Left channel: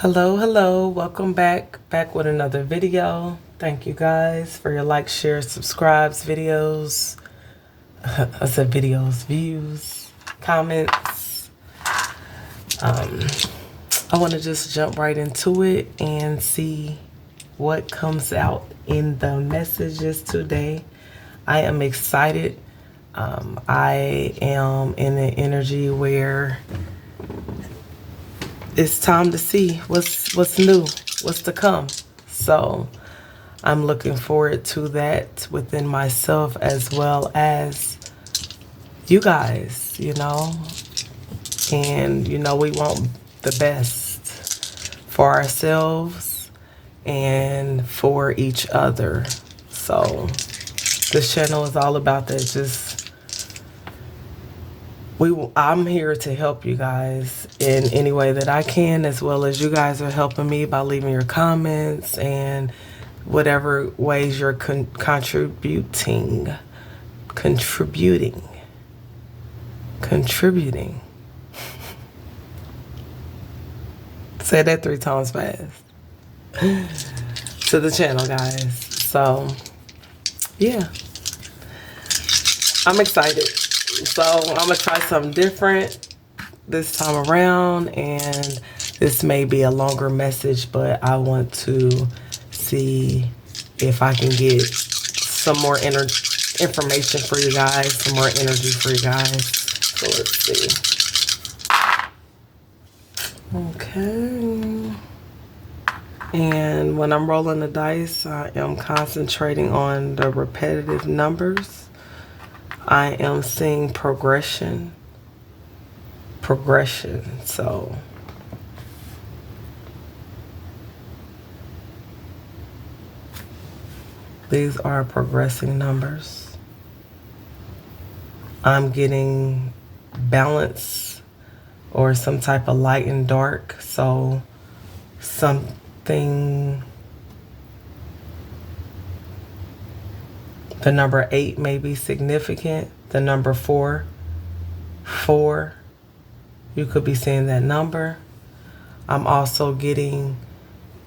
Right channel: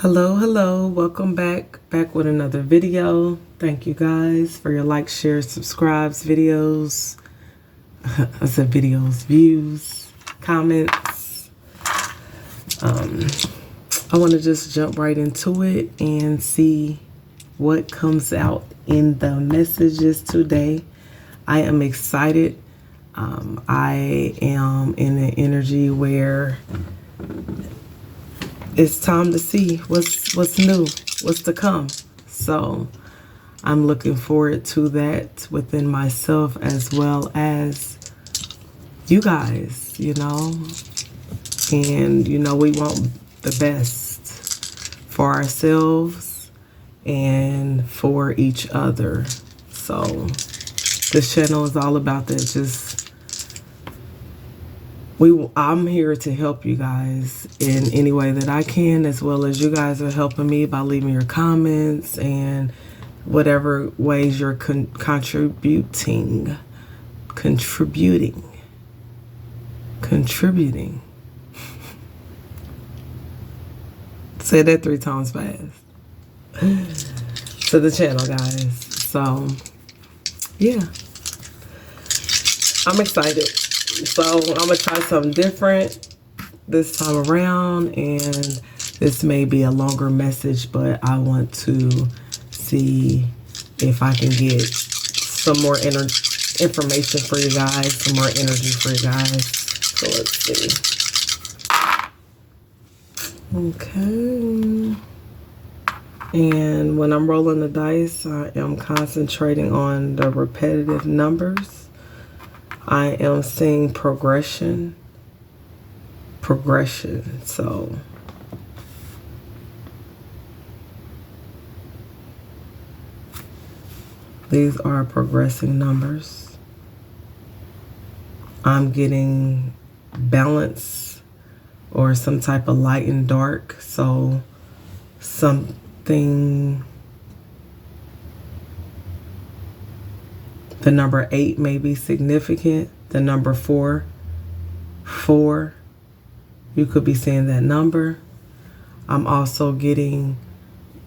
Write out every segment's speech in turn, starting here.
Hello, welcome back with another video. Thank you guys for your likes, shares, subscribes, videos. I said videos, views, comments. I want to just jump right into it and see what comes out in the messages today. I am excited. I am in an energy where it's time to see what's new, what's to come. So I'm looking forward to that within myself as well as you guys, And we want the best for ourselves and for each other. So this channel is all about that. I'm here to help you guys in any way that I can, as well as you guys are helping me by leaving your comments and whatever ways you're contributing. Say that 3 times fast. To the channel, guys. So, yeah. I'm excited. So I'm gonna try something different this time around, and this may be a longer message, but I want to see if I can get some more information for you guys, some more energy for you guys. So let's see. Okay. And when I'm rolling the dice, I am concentrating on the repetitive numbers. I am seeing progression. So these are progressing numbers. I'm getting balance or some type of light and dark. So something, the number 8 may be significant. The number 4, you could be seeing that number. I'm also getting,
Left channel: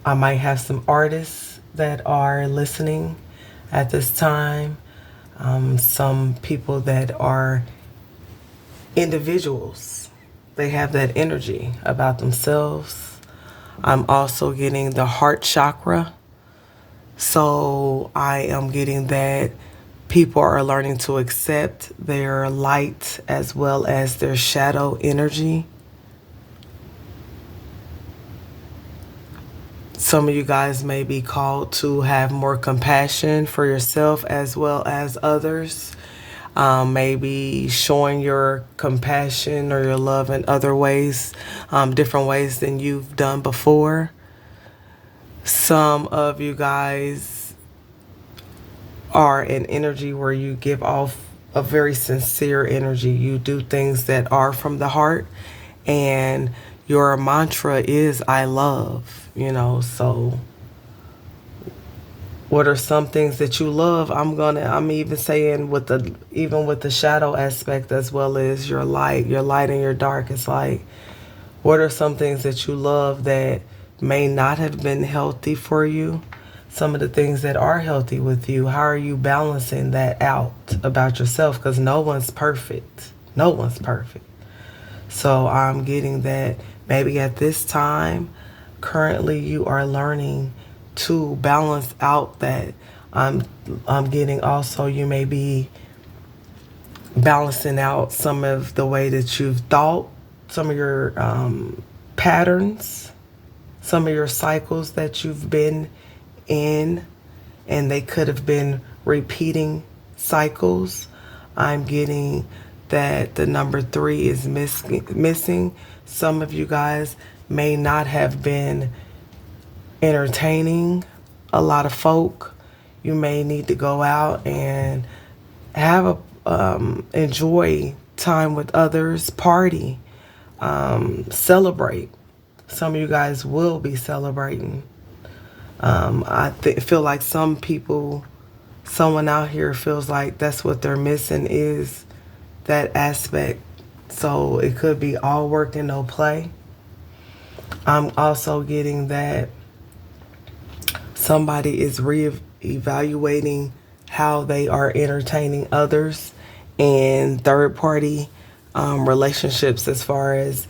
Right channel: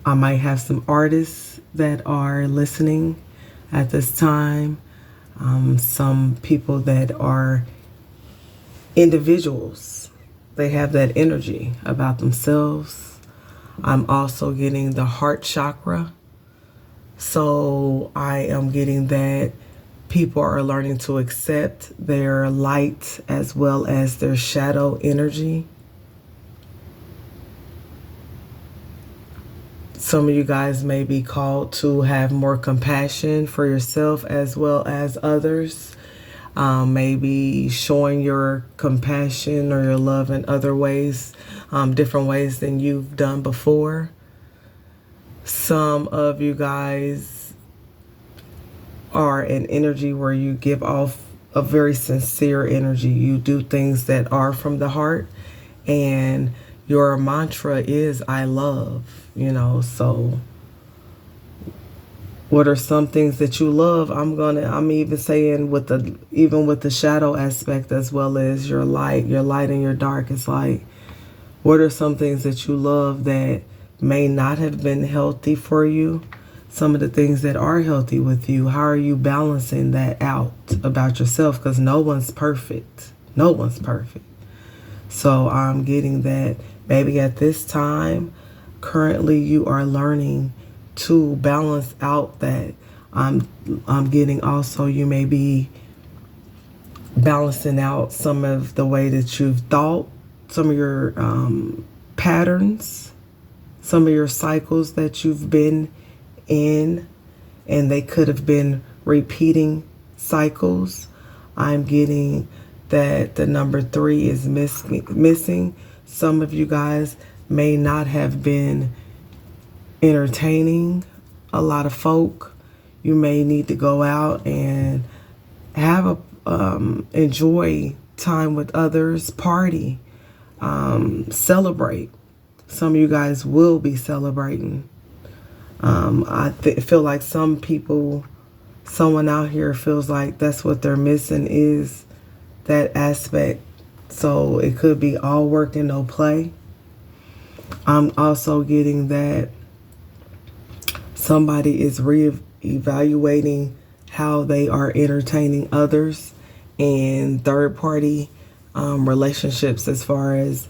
I might have some artists that are listening at this time. Some people that are individuals. They have that energy about themselves. I'm also getting the heart chakra. So I am getting that people are learning to accept their light as well as their shadow energy. Some of you guys may be called to have more compassion for yourself as well as others. Maybe showing your compassion or your love in other ways, different ways than you've done before. Some of you guys are an energy where you give off a very sincere energy. You do things that are from the heart, and your mantra is I love, so what are some things that you love? I'm even saying even with the shadow aspect as well as your light and your dark. It's like, what are some things that you love that may not have been healthy for you? Some of the things that are healthy with you, how are you balancing that out about yourself? Because no one's perfect. So I'm getting that maybe at this time, currently you are learning to balance out that. I'm getting also you may be balancing out some of the way that you've thought, some of your patterns, some of your cycles that you've been in, and they could have been repeating cycles. I'm getting that the number 3 is missing. Some of you guys may not have been entertaining a lot of folk. You may need to go out and have enjoy time with others, party, celebrate. Some of you guys will be celebrating. I feel like someone out here feels like that's what they're missing is that aspect. So it could be all work and no play. I'm also getting that somebody is re-evaluating how they are entertaining others and third party relationships, as far as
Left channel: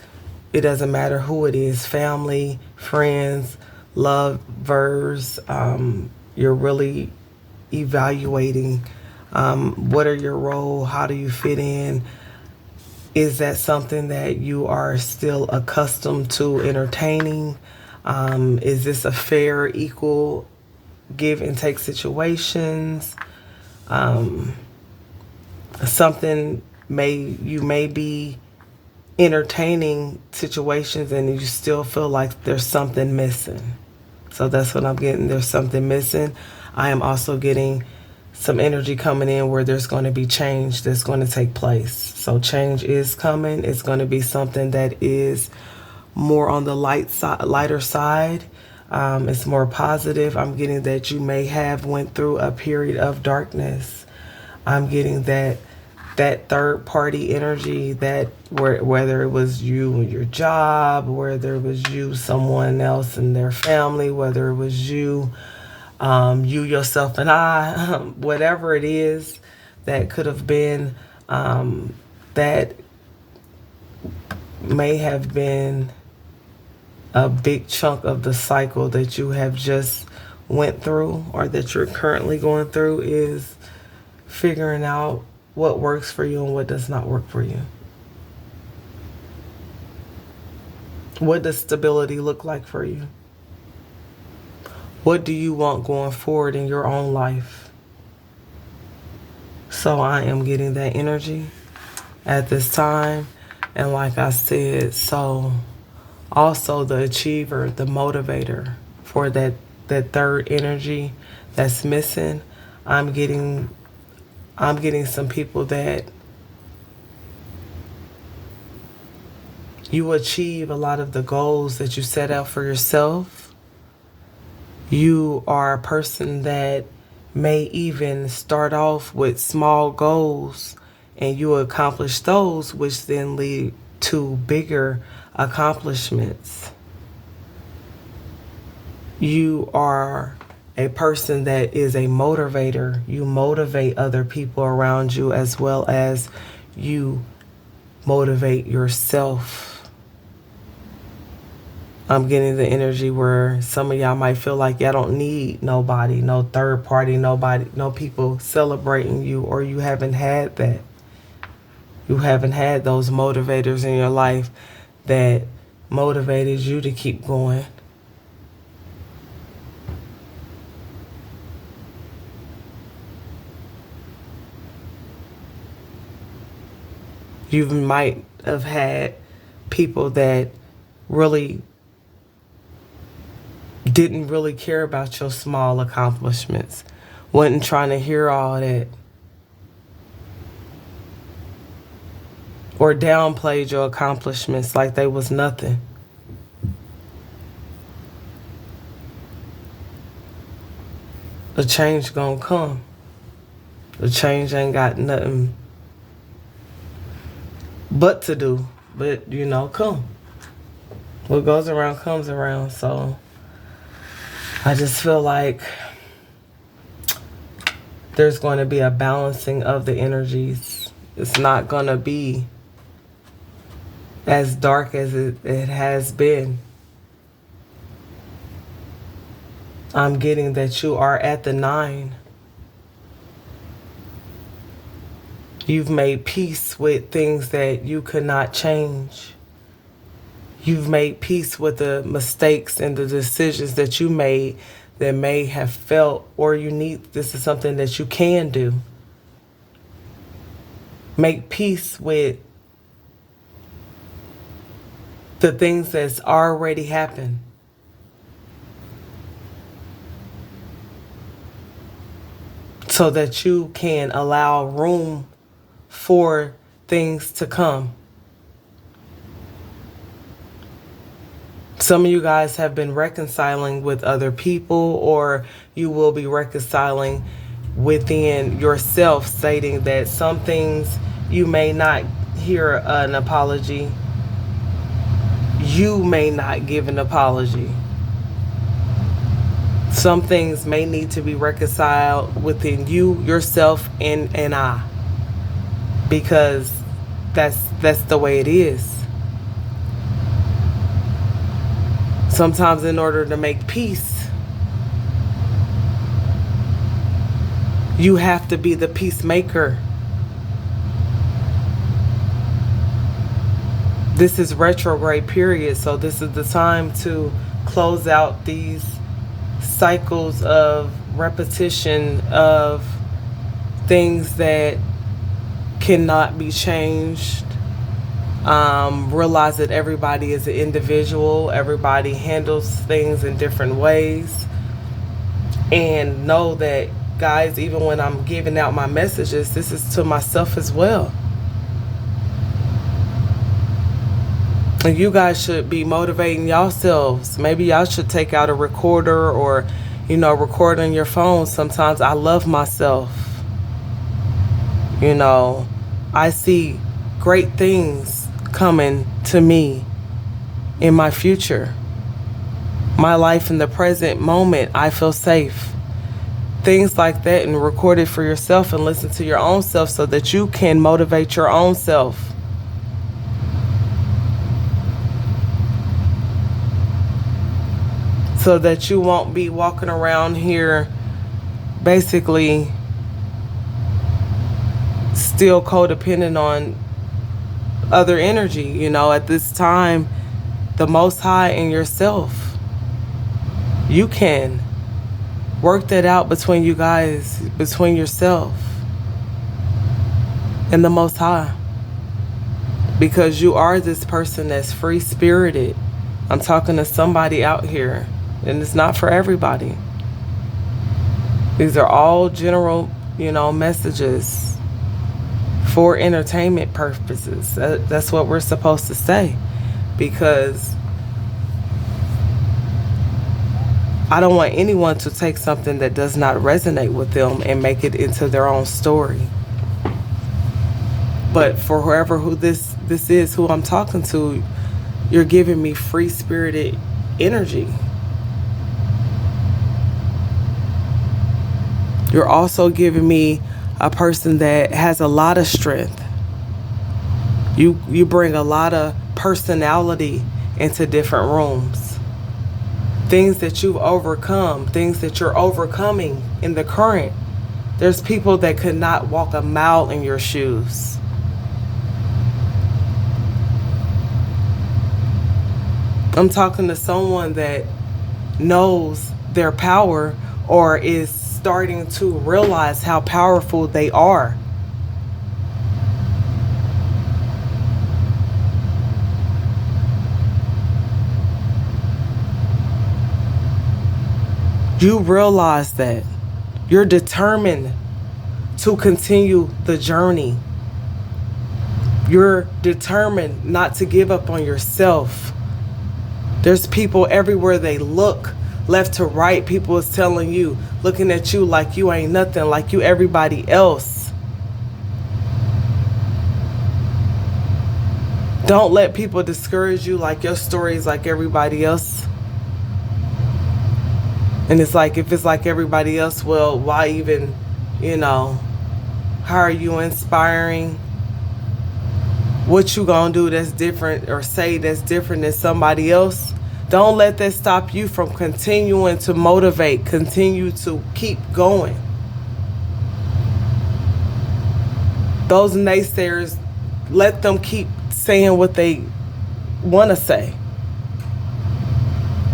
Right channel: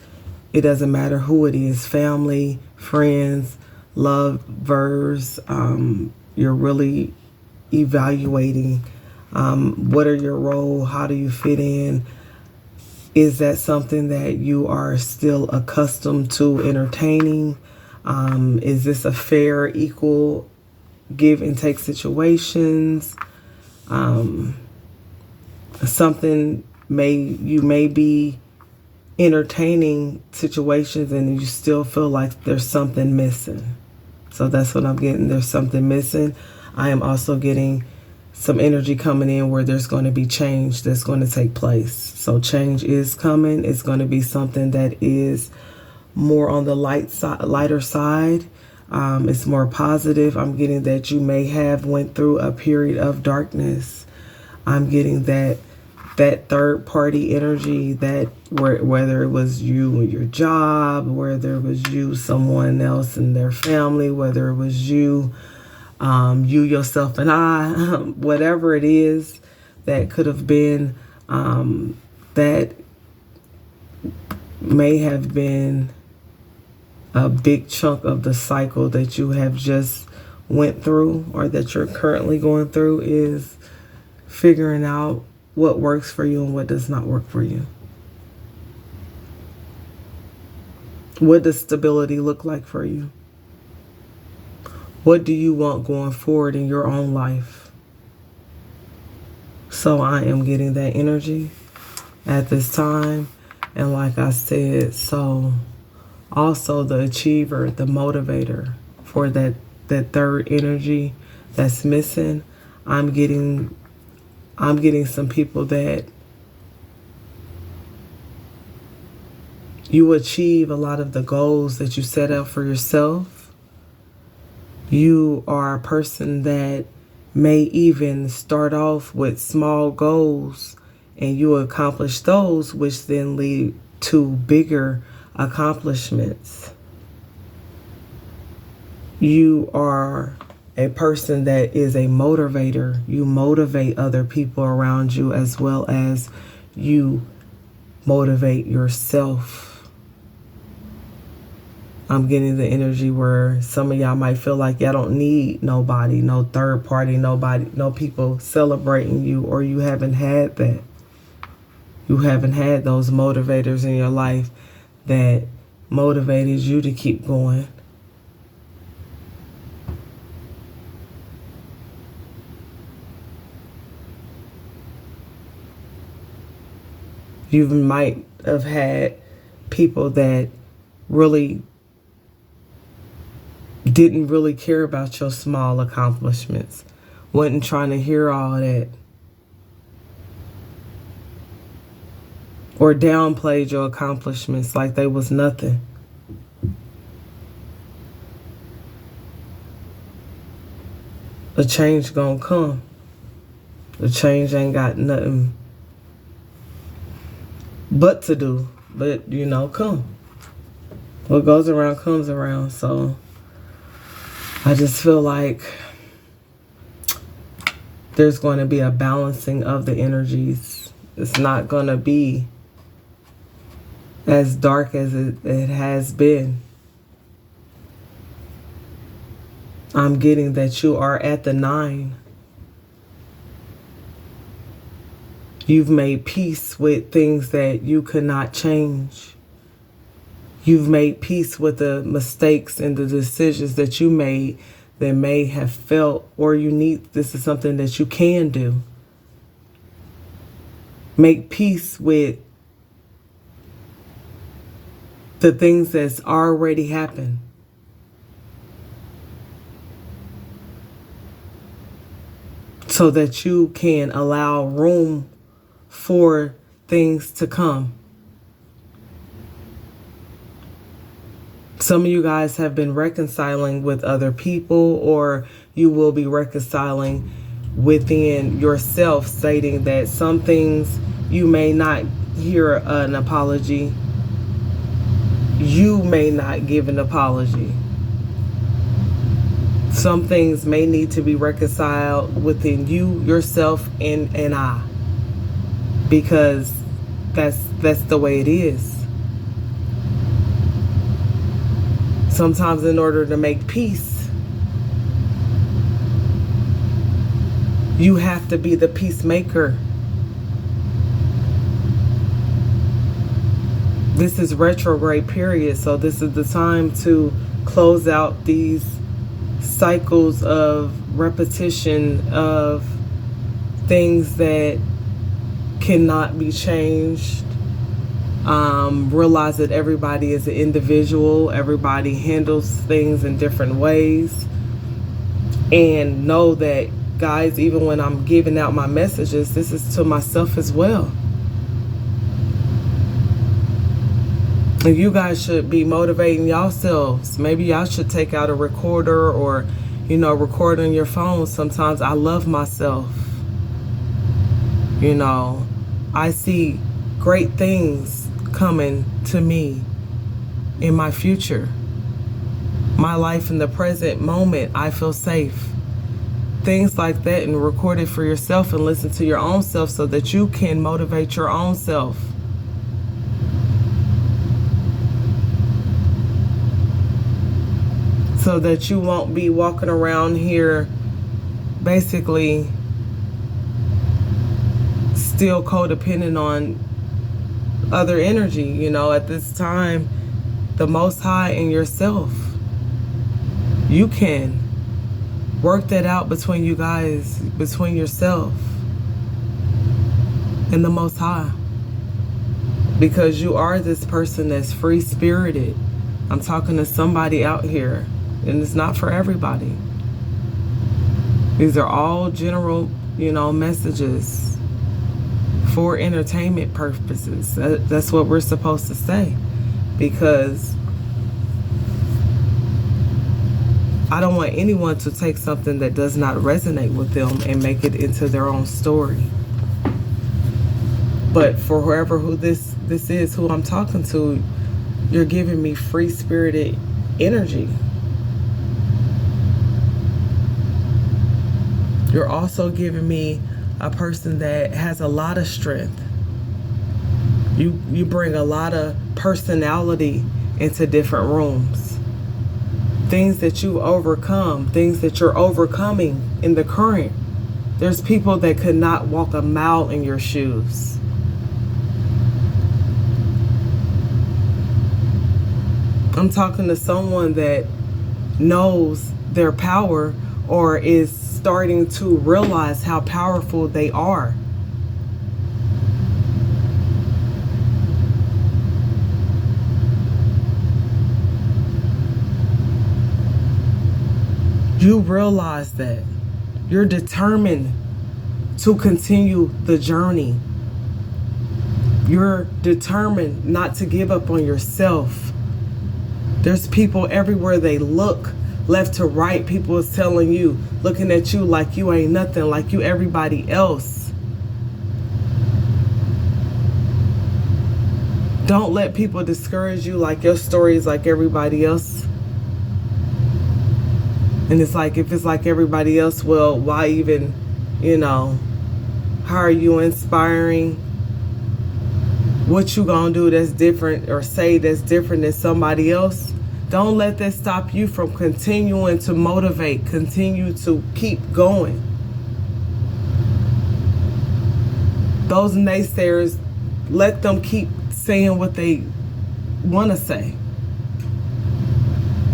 it doesn't matter who it is, family, friends, lovers. You're really evaluating what are your role, how do you fit in. Is that something that you are still accustomed to entertaining? Is this a fair, equal give and take situations? Something you may be entertaining situations and you still feel like there's something missing. So that's what I'm getting. There's something missing. I am also getting some energy coming in where there's going to be change that's going to take place. So change is coming. It's going to be something that is more on the lighter side. It's more positive. I'm getting that you may have went through a period of darkness. I'm getting that third party energy, that whether it was you and your job, whether it was you, someone else and their family, whether it was you, you, yourself, and I, whatever it is that could have been, that may have been a big chunk of the cycle that you have just went through or that you're currently going through, is figuring out what works for you and what does not work for you. What does stability look like for you? What do you want going forward in your own life? So I am getting that energy at this time. And like I said, so also the achiever, the motivator for that third energy that's missing. I'm getting some people that you achieve a lot of the goals that you set out for yourself. You are a person that may even start off with small goals and you accomplish those, which then lead to bigger accomplishments. You are a person that is a motivator. You motivate other people around you as well as you motivate yourself. I'm getting the energy where some of y'all might feel like y'all don't need nobody, no third party, nobody, no people celebrating you, or you haven't had that. You haven't had those motivators in your life that motivated you to keep going. You might have had people that really didn't really care about your small accomplishments, wasn't trying to hear all that, or downplayed your accomplishments like they was nothing. The change gonna come. The change ain't got nothing but to do, but come. What goes around comes around. So I just feel like there's going to be a balancing of the energies. It's not going to be as dark as it has been. I'm getting that you are at the 9. You've made peace with things that you could not change. You've made peace with the mistakes and the decisions that you made that may have felt, or this is something that you can do. Make peace with the things that's already happened. So that you can allow room for things to come. Some of you guys have been reconciling with other people, or you will be reconciling within yourself, stating that some things you may not hear an apology. you may not give an apology. Some things may need to be reconciled within you, yourself, and I, because that's the way it is. Sometimes in order to make peace, you have to be the peacemaker. This is retrograde period, so this is the time to close out these cycles of repetition of things that cannot be changed. Realize that everybody is an individual, everybody handles things in different ways, and know that, guys, even when I'm giving out my messages, this is to myself as well. And you guys should be motivating yourselves. Maybe y'all should take out a recorder or, record on your phone. Sometimes I love myself. I see great things coming to me in my future. My life in the present moment, I feel safe. Things like that, and record it for yourself and listen to your own self so that you can motivate your own self. So that you won't be walking around here basically still codependent on other energy. At this time, the Most High and yourself, you can work that out between you guys, between yourself and the Most High, because you are this person that's free-spirited. I'm talking to somebody out here, and it's not for everybody. These are all general, messages for entertainment purposes. That's what we're supposed to say, because I don't want anyone to take something that does not resonate with them and make it into their own story. But for who this is, who I'm talking to, you're giving me free-spirited energy. You're also giving me a person that has a lot of strength. You bring a lot of personality into different rooms. Things that you've overcome, things that you're overcoming in the current. There's people that could not walk a mile in your shoes. I'm talking to someone that knows their power or is starting to realize how powerful they are. You realize that you're determined to continue the journey. You're determined not to give up on yourself. There's people everywhere they look, left to right, people is telling you, looking at you like you ain't nothing, like you everybody else. Don't let people discourage you like your story is like everybody else. And it's like, if it's like everybody else, well, why even, how are you inspiring? What you gonna do that's different or say that's different than somebody else? Don't let that stop you from continuing to motivate, continue to keep going. Those naysayers, let them keep saying what they want to say.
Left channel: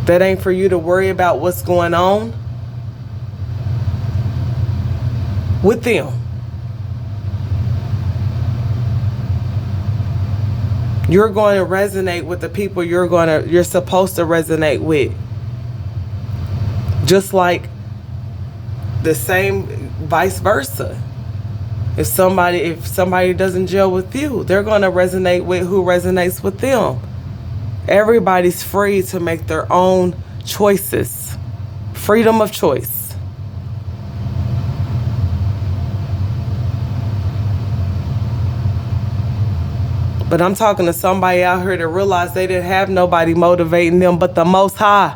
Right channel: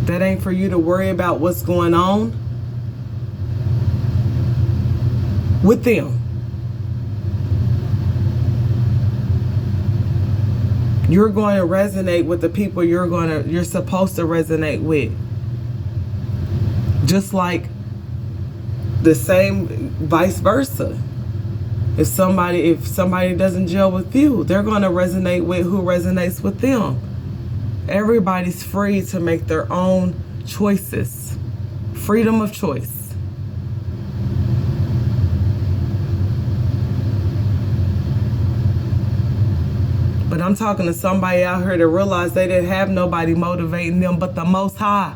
That ain't for you to worry about what's going on with them. You're going to resonate with the people you're supposed to resonate with. Just like the same vice versa. If somebody doesn't gel with you, they're going to resonate with who resonates with them. Everybody's free to make their own choices. Freedom of choice. But I'm talking to somebody out here that realized they didn't have nobody motivating them but the Most High.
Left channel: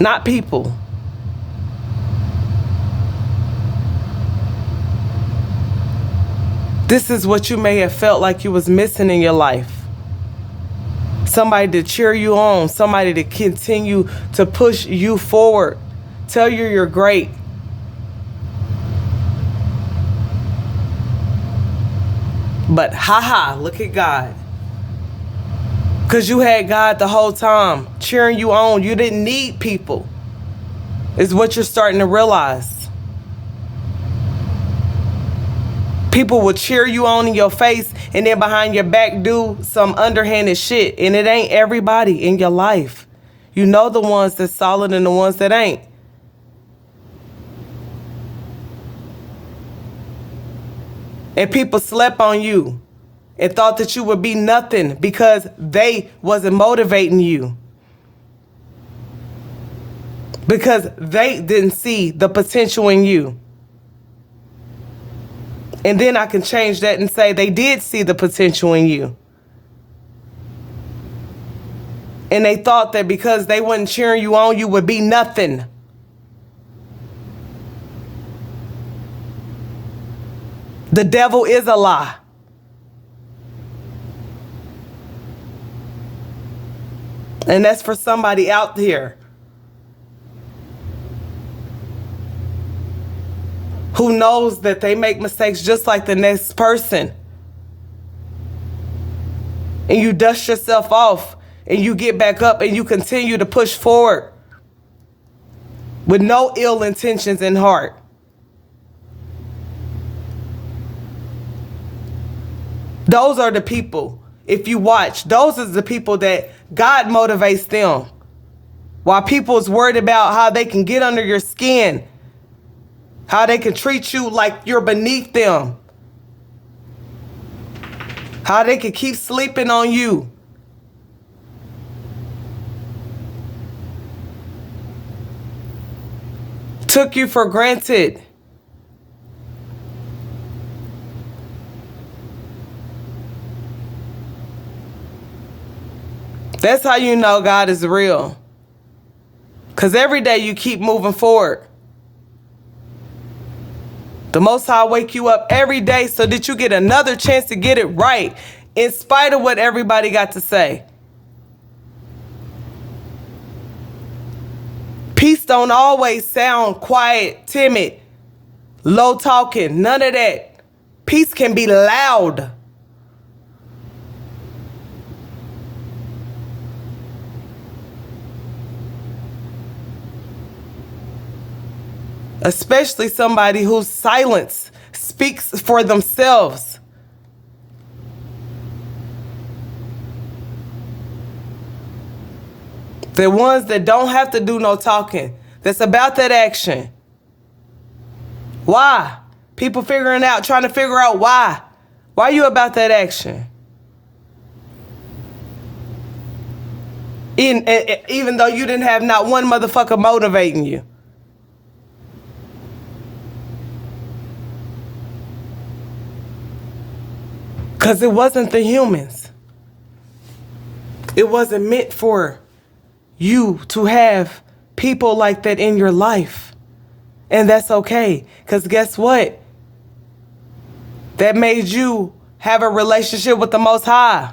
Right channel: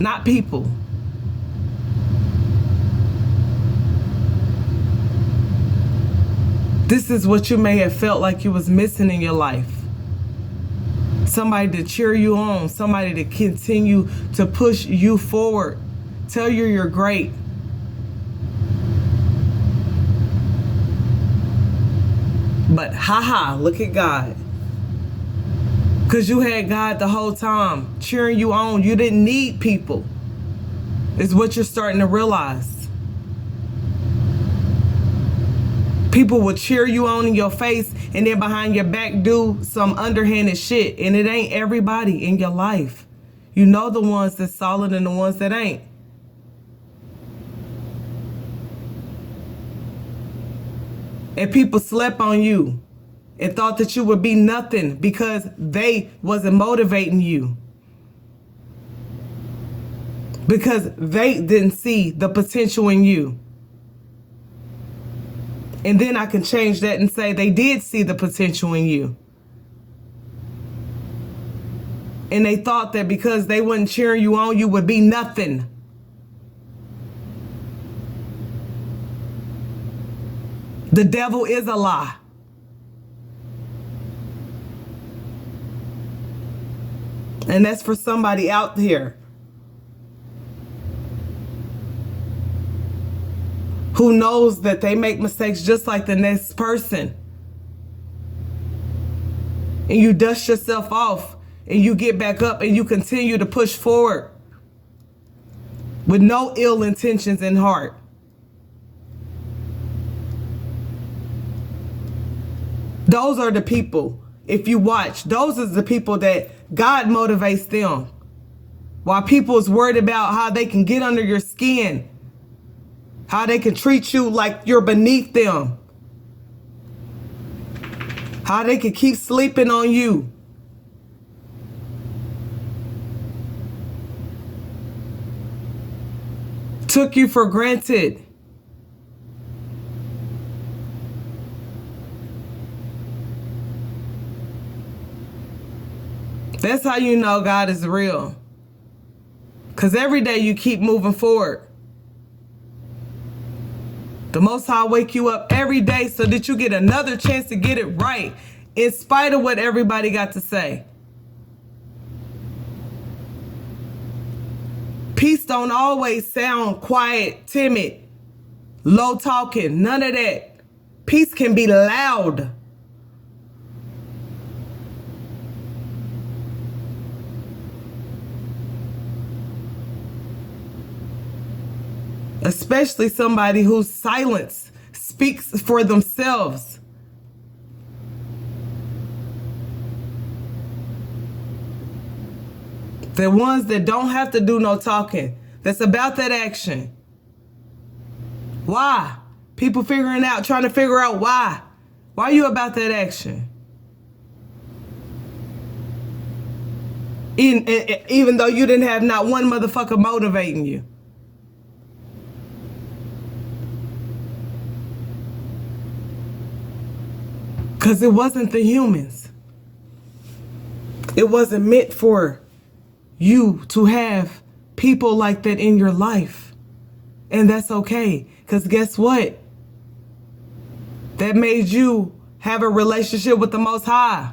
Not people. This is what you may have felt like you was missing in your life. Somebody to cheer you on, somebody to continue to push you forward, tell you you're great. But look at God. Because you had God the whole time cheering you on. You didn't need people, is what you're starting to realize. People will cheer you on in your face and then behind your back do some underhanded shit. And it ain't everybody in your life. You know the ones that's solid and the ones that ain't. And people slept on you and thought that you would be nothing because they wasn't motivating you. Because they didn't see the potential in you. And then I can change that and say they did see the potential in you. And they thought that because they wasn't cheering you on, you would be nothing. The devil is a lie. And that's for somebody out there who knows that they make mistakes just like the next person. And you dust yourself off and you get back up and you continue to push forward with no ill intentions in heart. Those are the people, if you watch, those are the people that God motivates them. While people is worried about how they can get under your skin, how they can treat you like you're beneath them, how they can keep sleeping on you. Took you for granted. That's how you know God is real. Because every day you keep moving forward. The Most High wake you up every day so that you get another chance to get it right, in spite of what everybody got to say. Peace don't always sound quiet, timid, low talking, none of that. Peace can be loud. Especially somebody whose silence speaks for themselves. The ones that don't have to do no talking, that's about that action. Why? People trying to figure out why. Why you about that action? Even though you didn't have not one motherfucker motivating you. Because it wasn't the humans. It wasn't meant for you to have people like that in your life. And that's okay. Because guess what? That made you have a relationship with the Most High.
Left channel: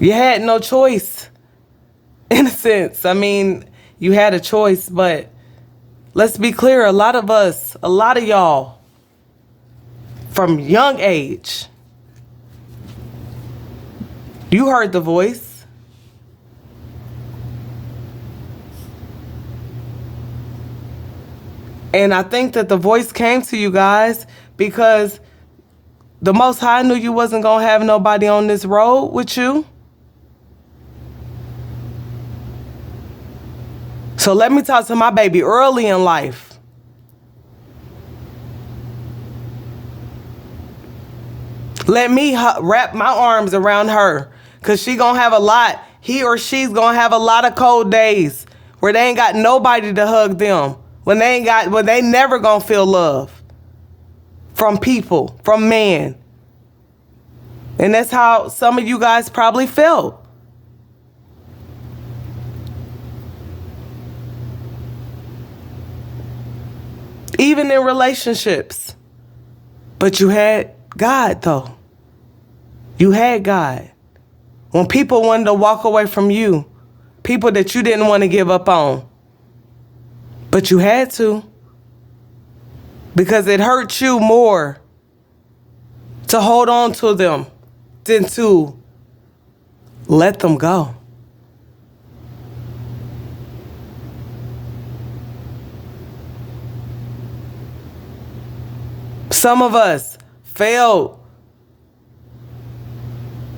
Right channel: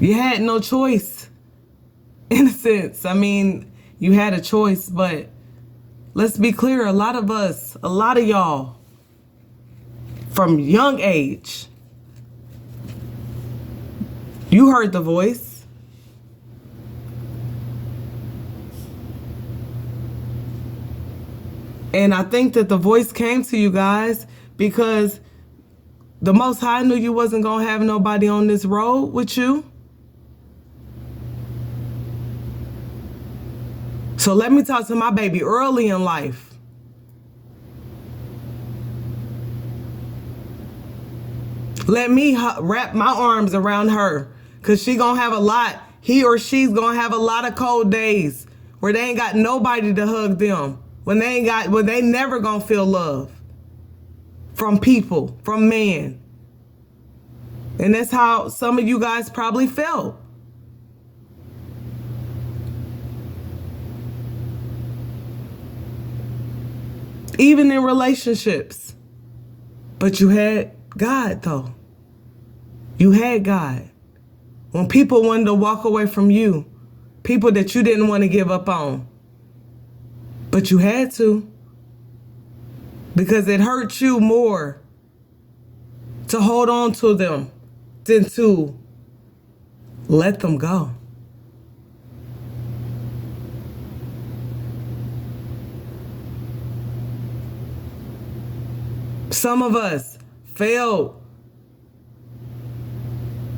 You had no choice. In a sense. I mean, you had a choice, but let's be clear. A lot of y'all, from young age, you heard the voice. And I think that the voice came to you guys because the Most High knew you wasn't going to have nobody on this road with you. So let me talk to my baby early in life. Let me wrap my arms around her, because she going to have he or she's going to have a lot of cold days where they ain't got nobody to hug them, when they never gonna feel love from people, from man. And that's how some of you guys probably felt. Even in relationships. But you had God, though. You had God. When people wanted to walk away from you, people that you didn't want to give up on, but you had to, because it hurt you more to hold on to them than to let them go. Some of us failed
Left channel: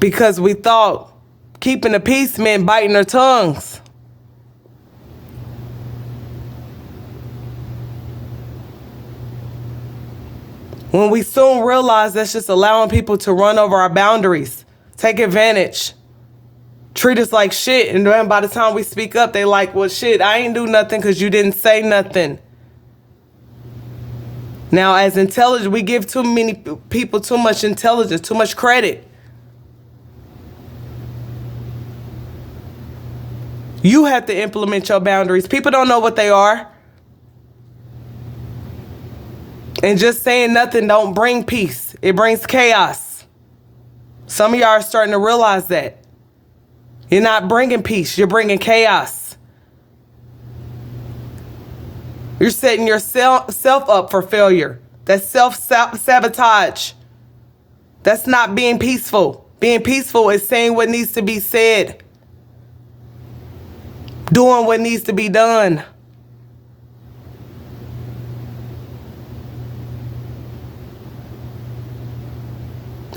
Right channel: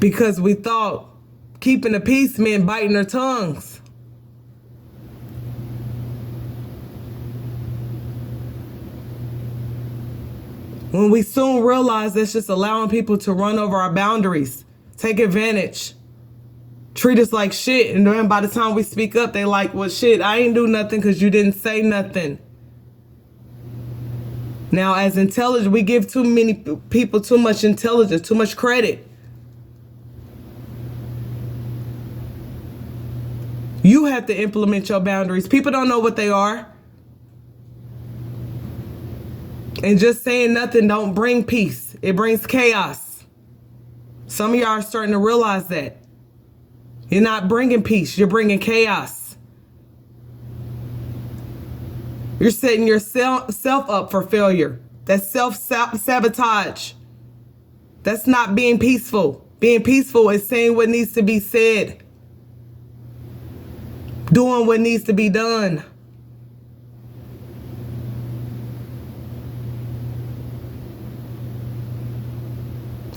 because we thought keeping the peace meant biting our tongues. When we soon realize that's just allowing people to run over our boundaries, take advantage, treat us like shit, and then by the time we speak up, they like, well, shit, I ain't do nothing because you didn't say nothing. Now, as intelligent, we give too many people too much intelligence, too much credit. You have to implement your boundaries. People don't know what they are. And just saying nothing don't bring peace. It brings chaos. Some of y'all are starting to realize that. You're not bringing peace. You're bringing chaos. You're setting yourself up for failure. That's self-sabotage. That's not being peaceful. Being peaceful is saying what needs to be said. Doing what needs to be done.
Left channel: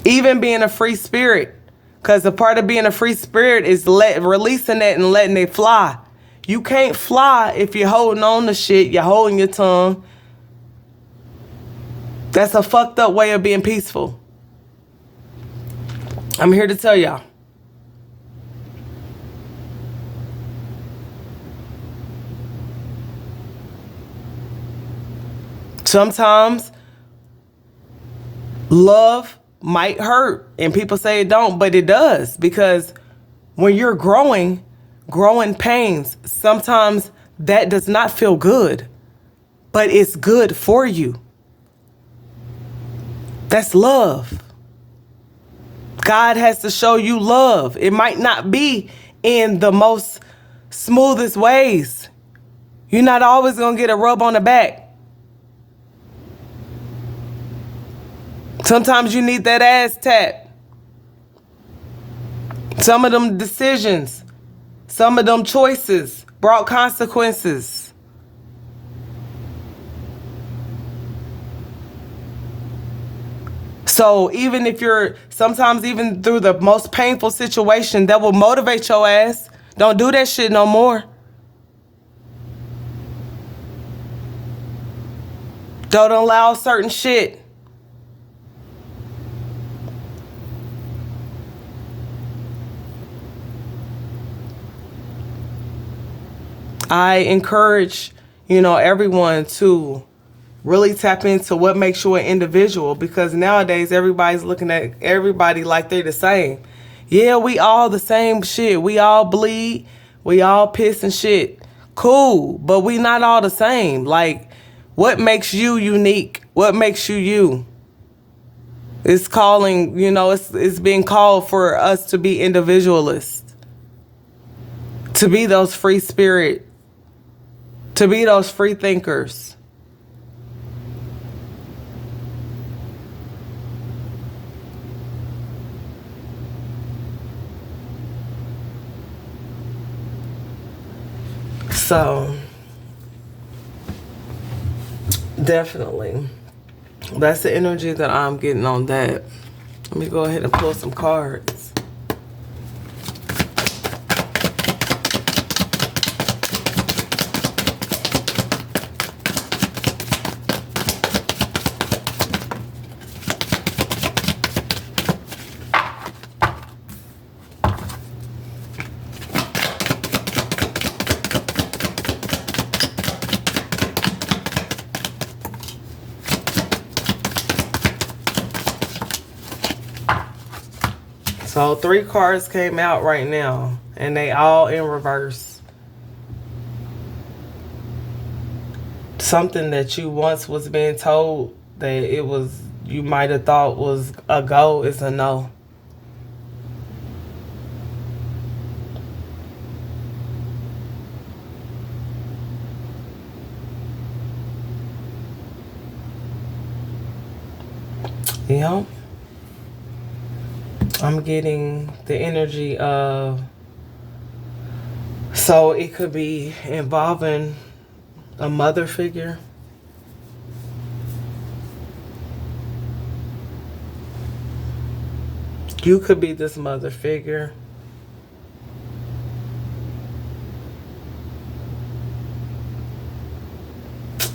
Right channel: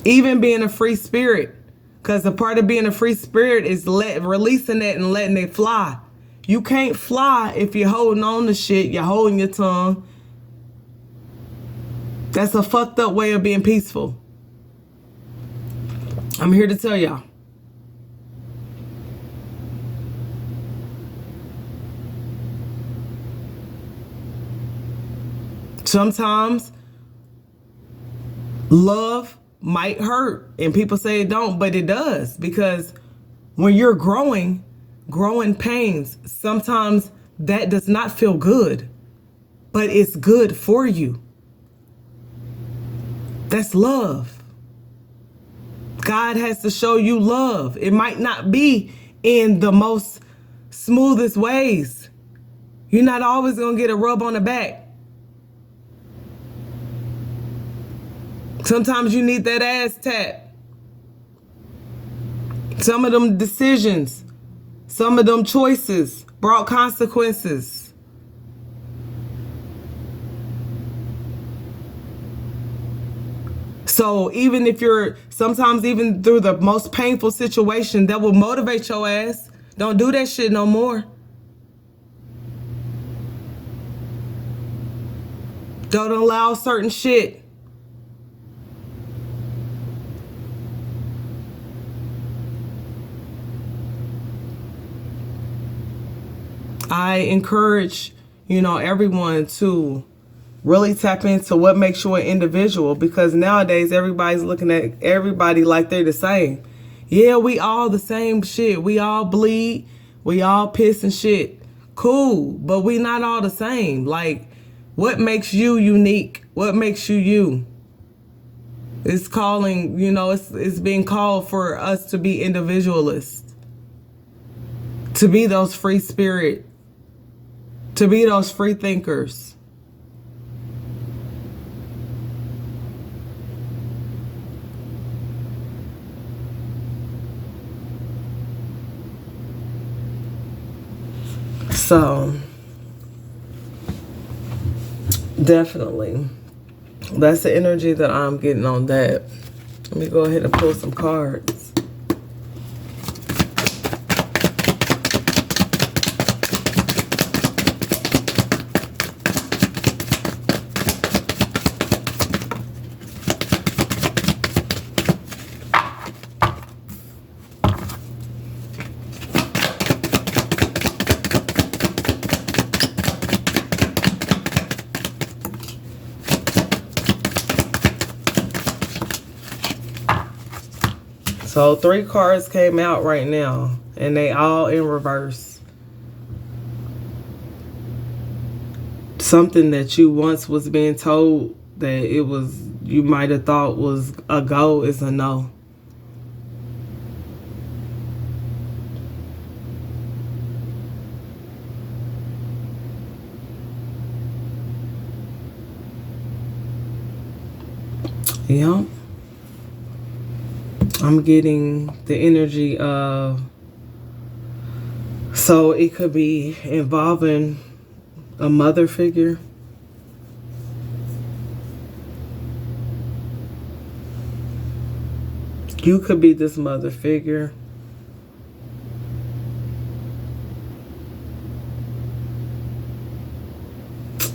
Even being a free spirit. Because a part of being a free spirit is releasing it and letting it fly. You can't fly if you're holding on to shit, you're holding your tongue. That's a fucked up way of being peaceful. I'm here to tell y'all. Sometimes love might hurt, and people say it don't, but it does, because when you're growing pains, sometimes that does not feel good, but it's good for you. That's love. God has to show you love. It might not be in the most smoothest ways. You're not always gonna get a rub on the back. Sometimes you need that ass tap. Some of them decisions, some of them choices brought consequences. So even if you're, sometimes even through the most painful situation, that will motivate your ass. Don't do that shit no more. Don't allow certain shit. I encourage, everyone to really tap into what makes you an individual, because nowadays everybody's looking at everybody like they're the same. Yeah, we all the same shit. We all bleed. We all piss and shit. Cool, but we not all the same. Like, what makes you unique? What makes you you? It's calling, it's being called for us to be individualists, to be those free spirit, to be those free thinkers. So, definitely, that's the energy that I'm getting on that. Let me go ahead and pull some cards. So 3 cards came out right now, and they all in reverse. Something that you once was being told that it was, you might have thought was a go, is a no. Yeah. I'm getting the energy of, so it could be involving a mother figure. You could be this mother figure.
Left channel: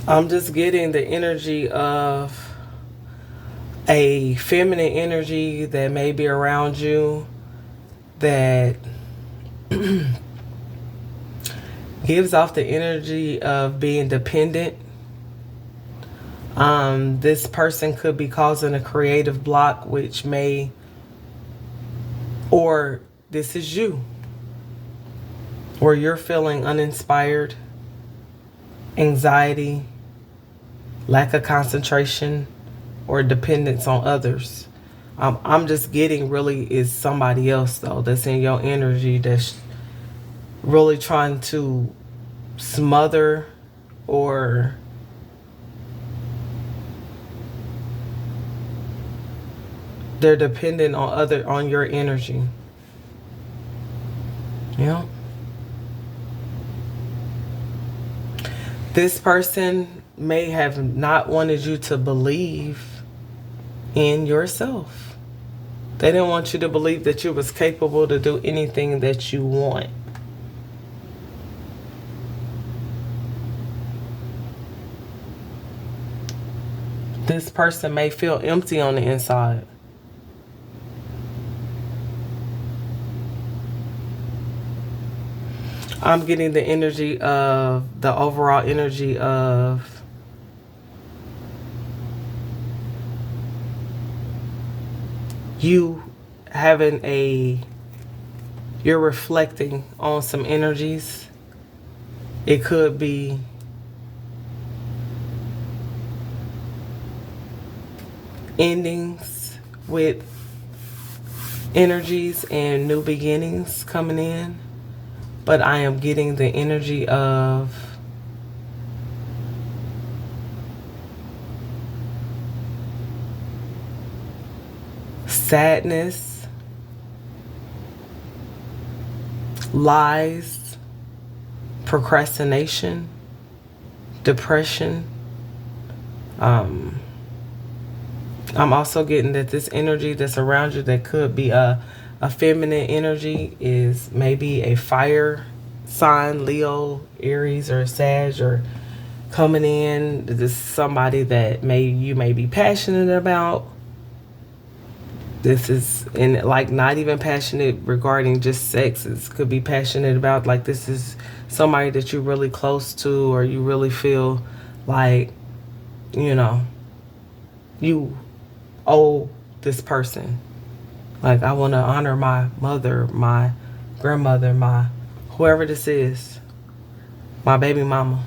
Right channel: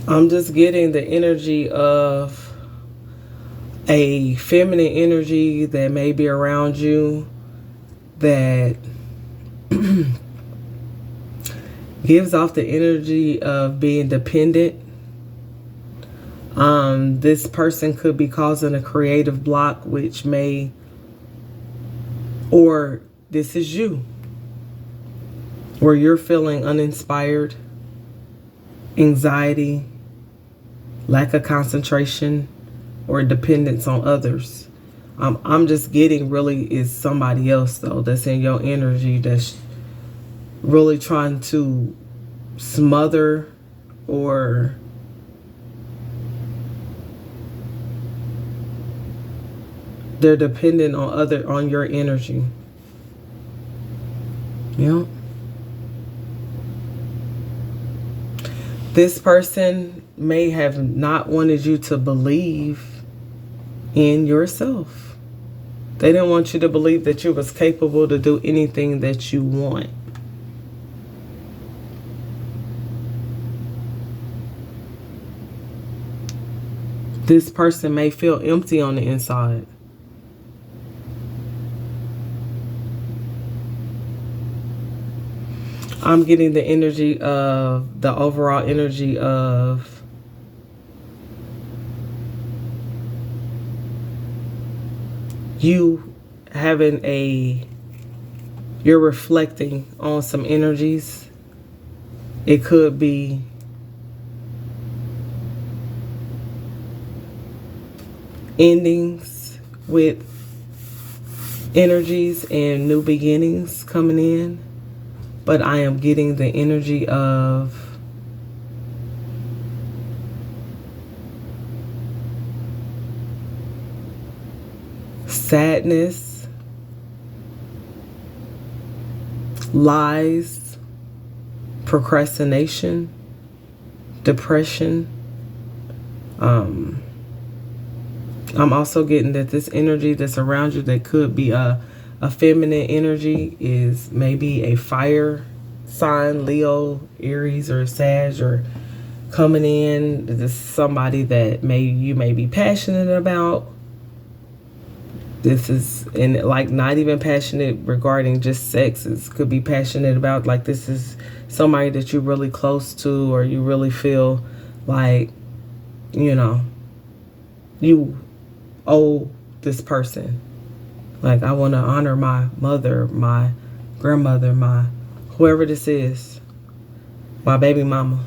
I'm just getting the energy of a feminine energy that may be around you that gives off the energy of being dependent. This person could be causing a creative block, which may, or this is you, where you're feeling uninspired, anxiety, lack of concentration, or dependence on others. I'm just getting really is somebody else though that's in your energy that's really trying to smother or they're dependent on your energy. Yeah. This person may have not wanted you to believe in yourself. They didn't want you to believe that you was capable to do anything that you want. This person may feel empty on the inside. I'm getting the energy of, the overall energy of you having you're reflecting on some energies. It could be endings with energies and new beginnings coming in. But I am getting the energy of sadness, lies, procrastination, depression. I'm also getting that this energy that's around you that could be a feminine energy is maybe a fire sign, Leo, Aries, or Sag, or coming in. This is somebody that you may be passionate about. This is, and like not even passionate regarding just sex. It could be passionate about, like, this is somebody that you're really close to, or you really feel like, you know, you owe this person. Like, I want to honor my mother, my grandmother, my whoever this is, my baby mama.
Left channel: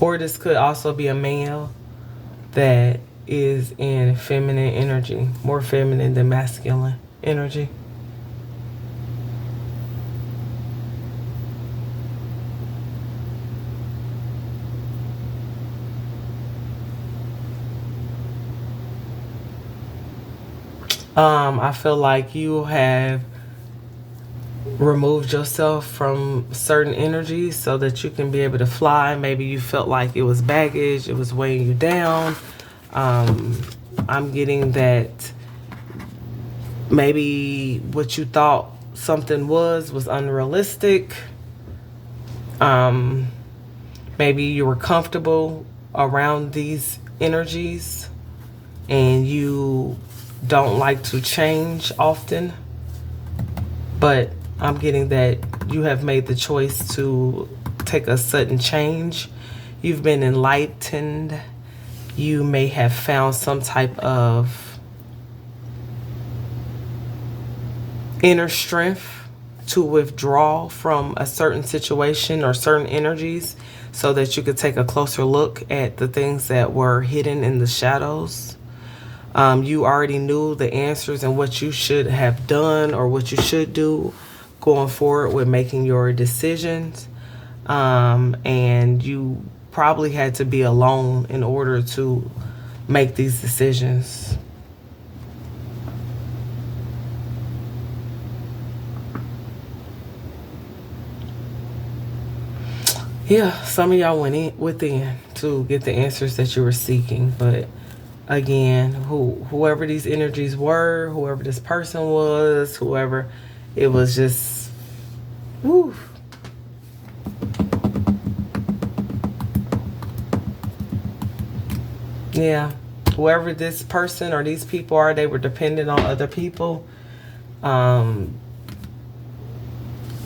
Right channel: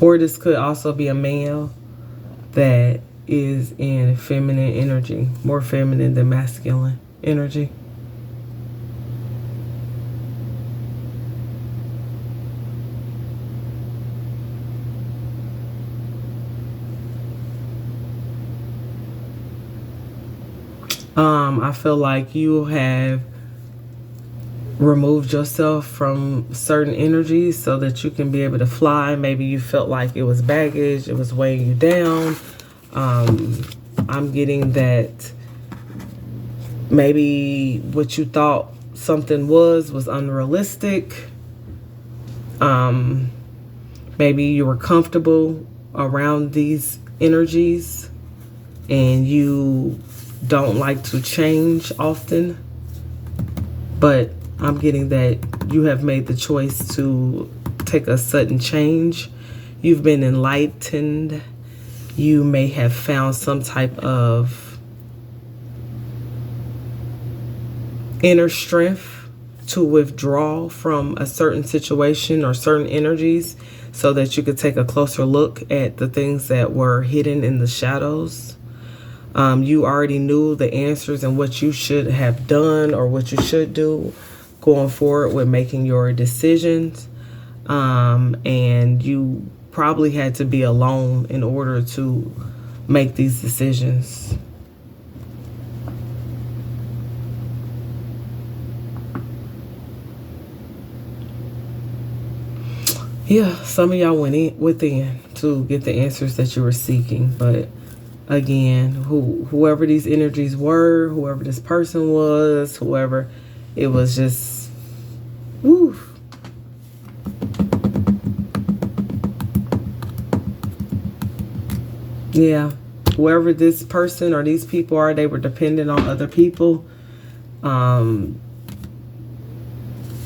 Or this could also be a male that is in feminine energy, more feminine than masculine energy. I feel like you have removed yourself from certain energies so that you can be able to fly. Maybe you felt like it was baggage, it was weighing you down. I'm getting that maybe what you thought something was unrealistic. Maybe you were comfortable around these energies and you don't like to change often, but I'm getting that you have made the choice to take a sudden change. You've been enlightened. You may have found some type of inner strength to withdraw from a certain situation or certain energies so that you could take a closer look at the things that were hidden in the shadows. You already knew the answers and what you should have done or what you should do going forward with making your decisions. And you probably had to be alone in order to make these decisions. Yeah, some of y'all went within to get the answers that you were seeking. But again, whoever these energies were, whoever this person was, whoever, it was just, woo. Yeah, whoever this person or these people are, they were dependent on other people.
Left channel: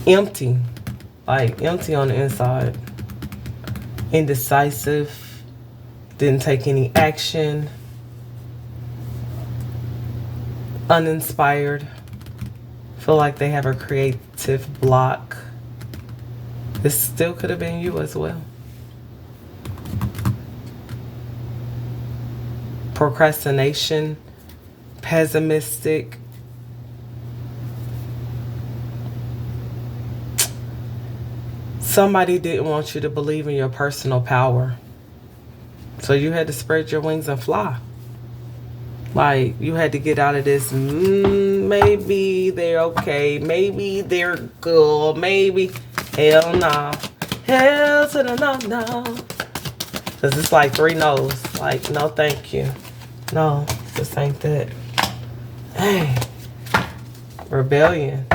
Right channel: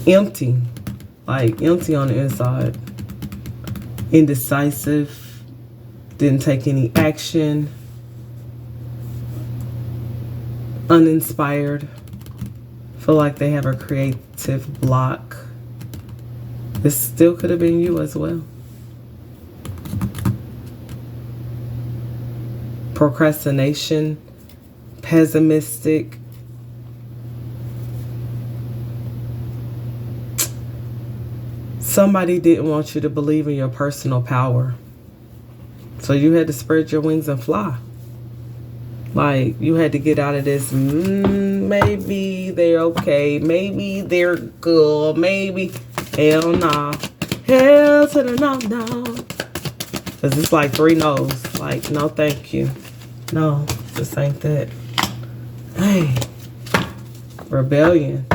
Empty, like empty on the inside. Indecisive, didn't take any action. Uninspired, feel like they have a creative block. This still could have been you as well. Procrastination, pessimistic. Somebody didn't want you to believe in your personal power. So you had to spread your wings and fly. Like, you had to get out of this, maybe they're okay, maybe they're good, maybe, hell nah. Hell to the no. Because it's like 3 no's. Like, no thank you. No, this ain't that. Hey. Rebellion.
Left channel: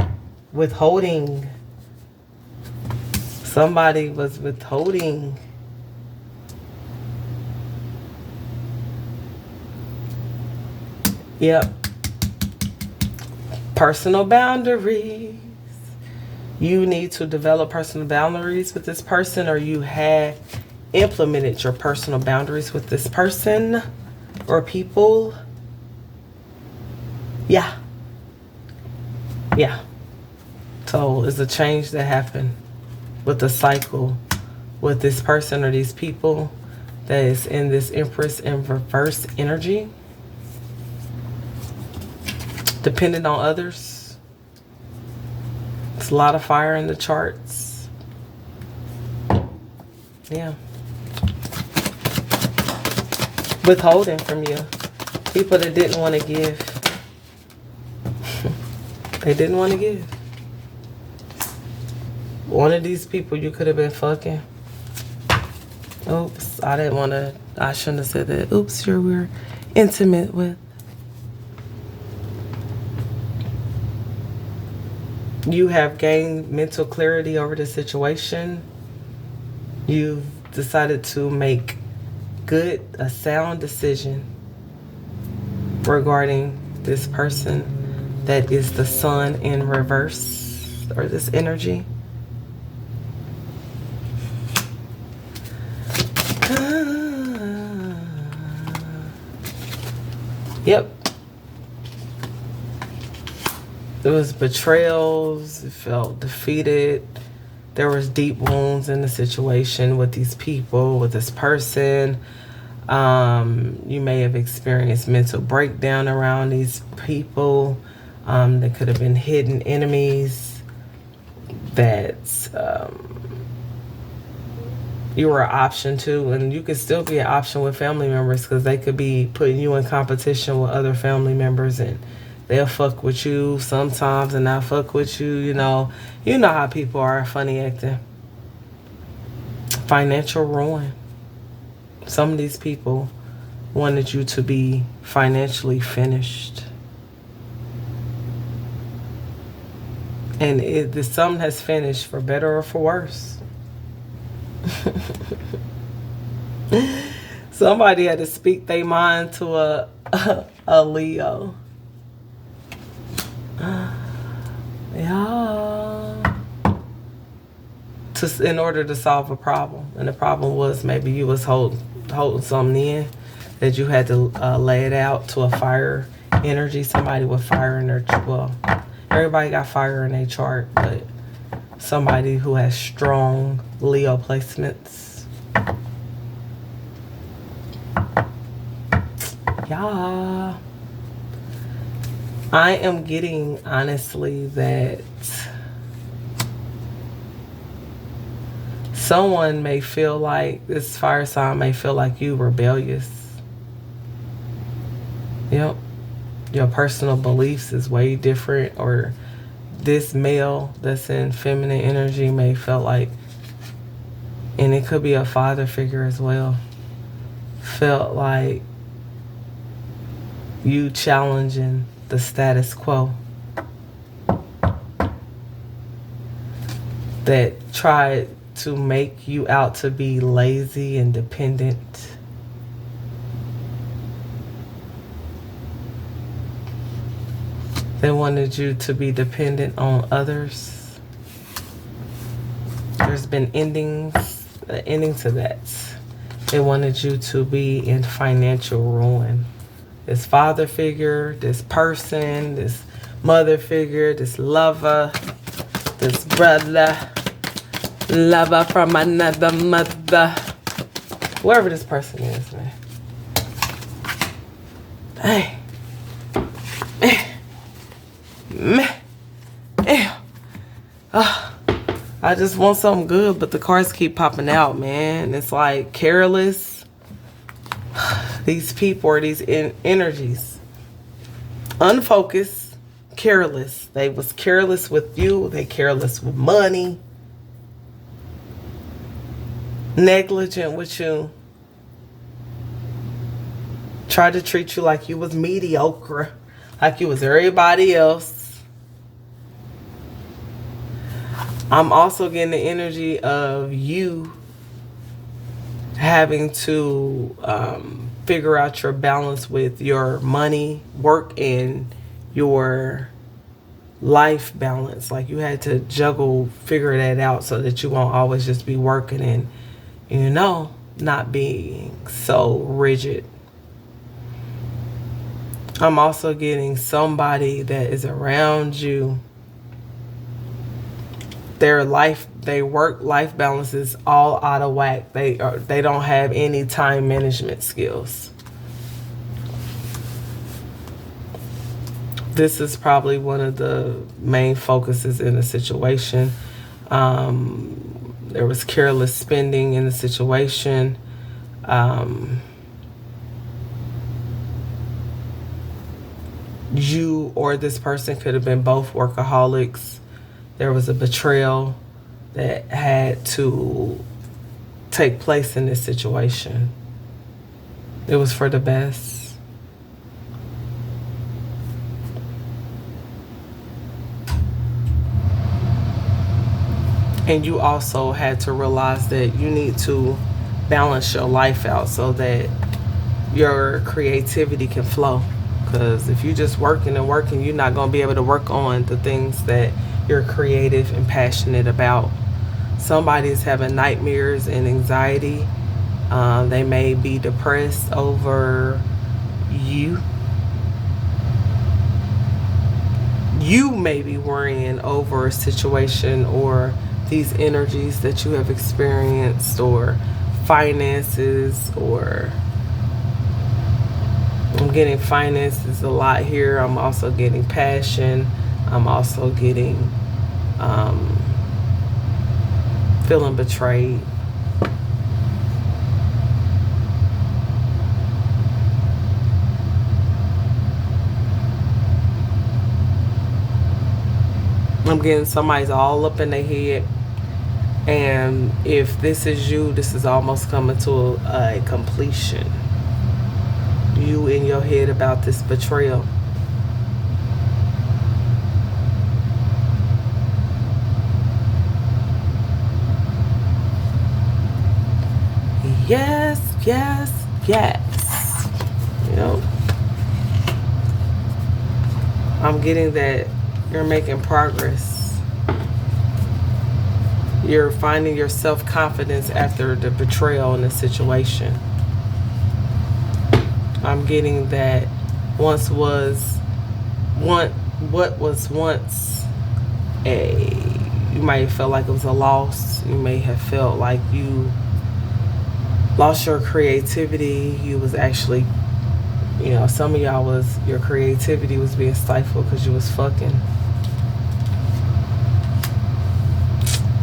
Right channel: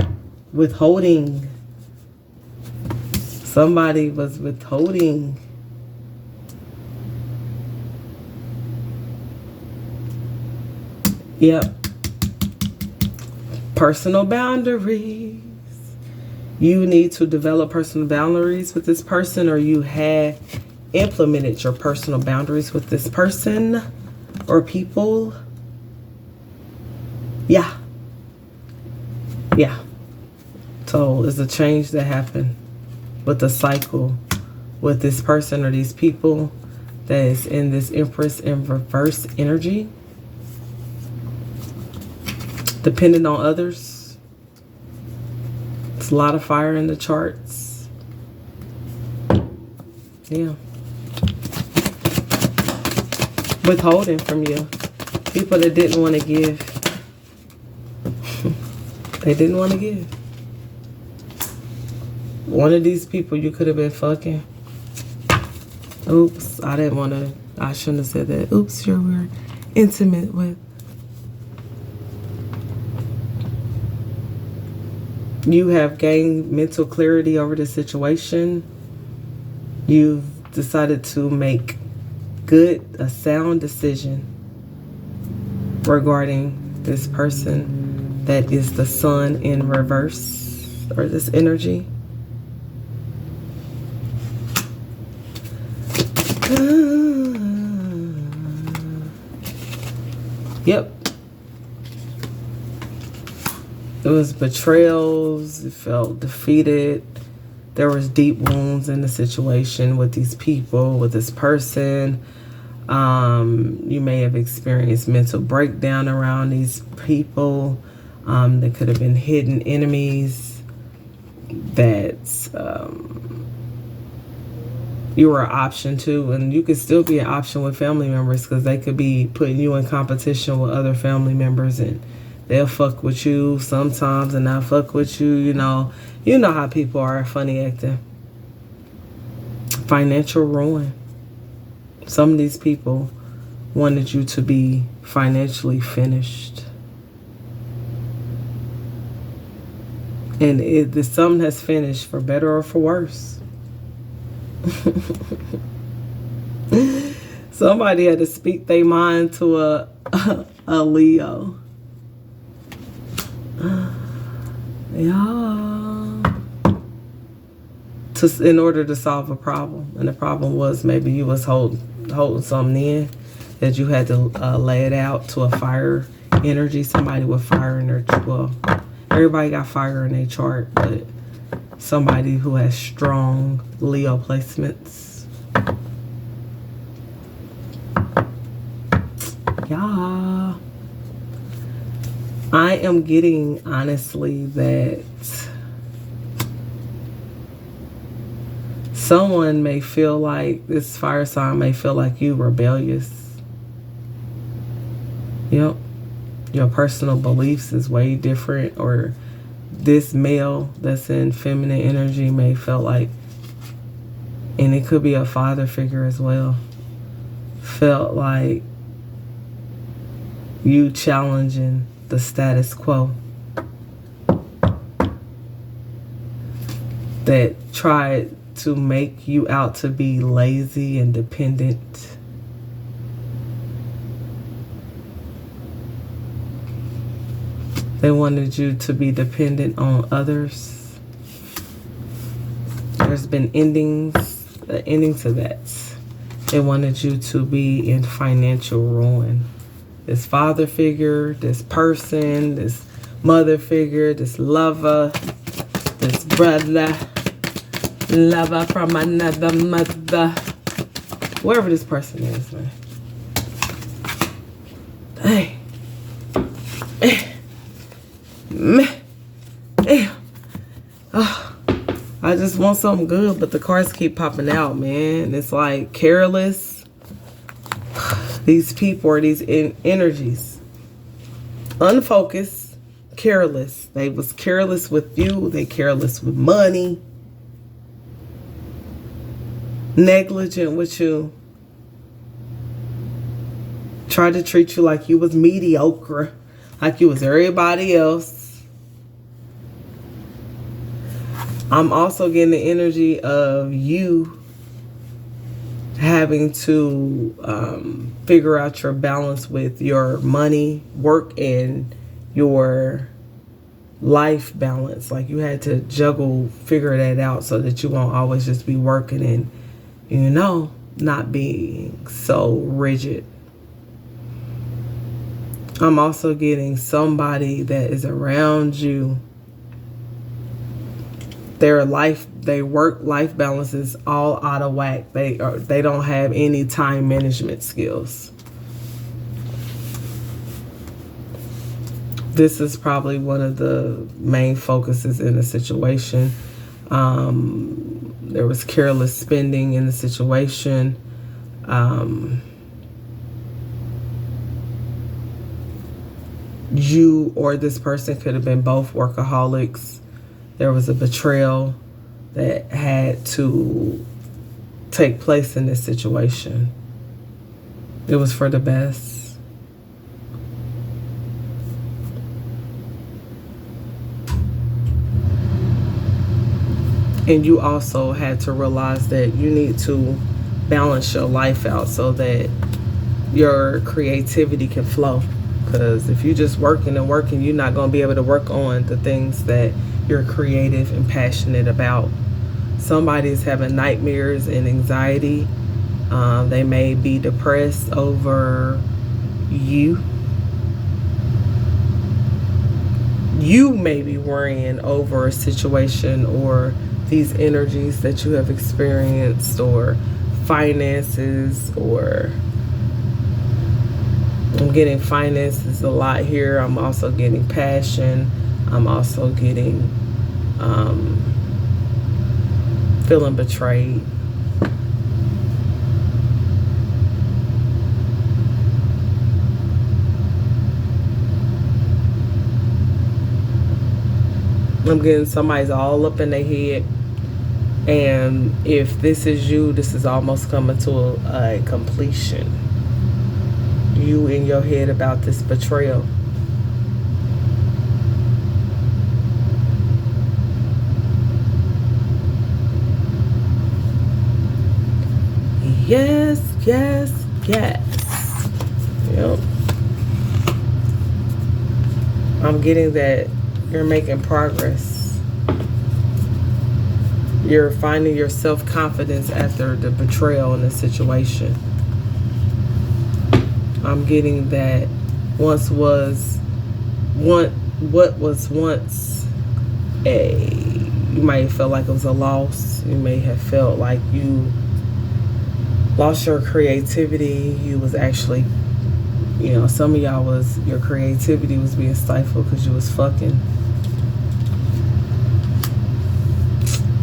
Withholding. Somebody was withholding. Yep. Personal boundaries. You need to develop personal boundaries with this person, or you had implemented your personal boundaries with this person or people. Yeah. So it's a change that happened with the cycle with this person or these people that is in this Empress in reverse energy. Dependent on others. It's a lot of fire in the charts. Yeah. Withholding from you. People that didn't want to give. They didn't want to give. One of these people you could have been fucking. Oops, I shouldn't have said that. Oops, we're intimate with. You have gained mental clarity over the situation. You've decided to make a sound decision regarding this person that is the sun in reverse, or this energy. Yep. It was betrayals. You felt defeated. There was deep wounds in the situation with these people, with this person. You may have experienced mental breakdown around these people. There could have been hidden enemies that you were an option to, and you could still be an option with family members because they could be putting you in competition with other family members, and they'll fuck with you sometimes and not fuck with you. You know how people are, funny acting. Financial ruin. Some of these people wanted you to be financially finished. And the sum has finished for better or for worse. Somebody had to speak their mind to a Leo. Yeah. In order to solve a problem. And the problem was maybe you was holding something in. that you had to lay it out to a fire energy. Somebody with fire in their, well, everybody got fire in their chart, but somebody who has strong Leo placements. Yeah. I am getting, honestly, that someone may feel like, this fire sign may feel like you rebellious. Yep. Your personal beliefs is way different, or this male that's in feminine energy may feel like, and it could be a father figure as well, felt like you challenging the status quo, that tried to make you out to be lazy and dependent. They wanted you to be dependent on others. There's been endings, the ending to that. They wanted you to be in financial ruin. This father figure, this person, this mother figure, this lover, this brother, lover from another mother, whoever this person is, man. Hey. Oh, I just want something good, but the cards keep popping out, man. It's like careless. These people or these energies, unfocused, careless. They was careless with you. They careless with money. Negligent with you. Tried to treat you like you was mediocre, like you was everybody else. I'm also getting the energy of you having to figure out your balance with your money, work, and your life balance. Like you had to figure that out so that you won't always just be working and, you know, not being so rigid. I'm also getting somebody that is around you. Their work-life balance is all out of whack. They don't have any time management skills. This is probably one of the main focuses in the situation. There was careless spending in the situation. You or this person could have been both workaholics. There was a betrayal that had to take place in this situation. It was for the best. And you also had to realize that you need to balance your life out so that your creativity can flow. Because if you're just working and working, you're not going to be able to work on the things that you're creative and passionate about. Somebody is having nightmares and anxiety. They may be depressed over you. You may be worrying over a situation or these energies that you have experienced, or finances, or I'm getting finances a lot here. I'm also getting passion. I'm also getting feeling betrayed. I'm getting somebody's all up in their head. And if this is you, this is almost coming to a completion. You in your head about this betrayal. Yes, yes, yes. Yep. I'm getting that you're making progress. You're finding your self-confidence after the betrayal in the situation. I'm getting that what was once you might have felt like it was a loss. You may have felt like you lost your creativity. You was actually, some of y'all your creativity was being stifled because you was fucking.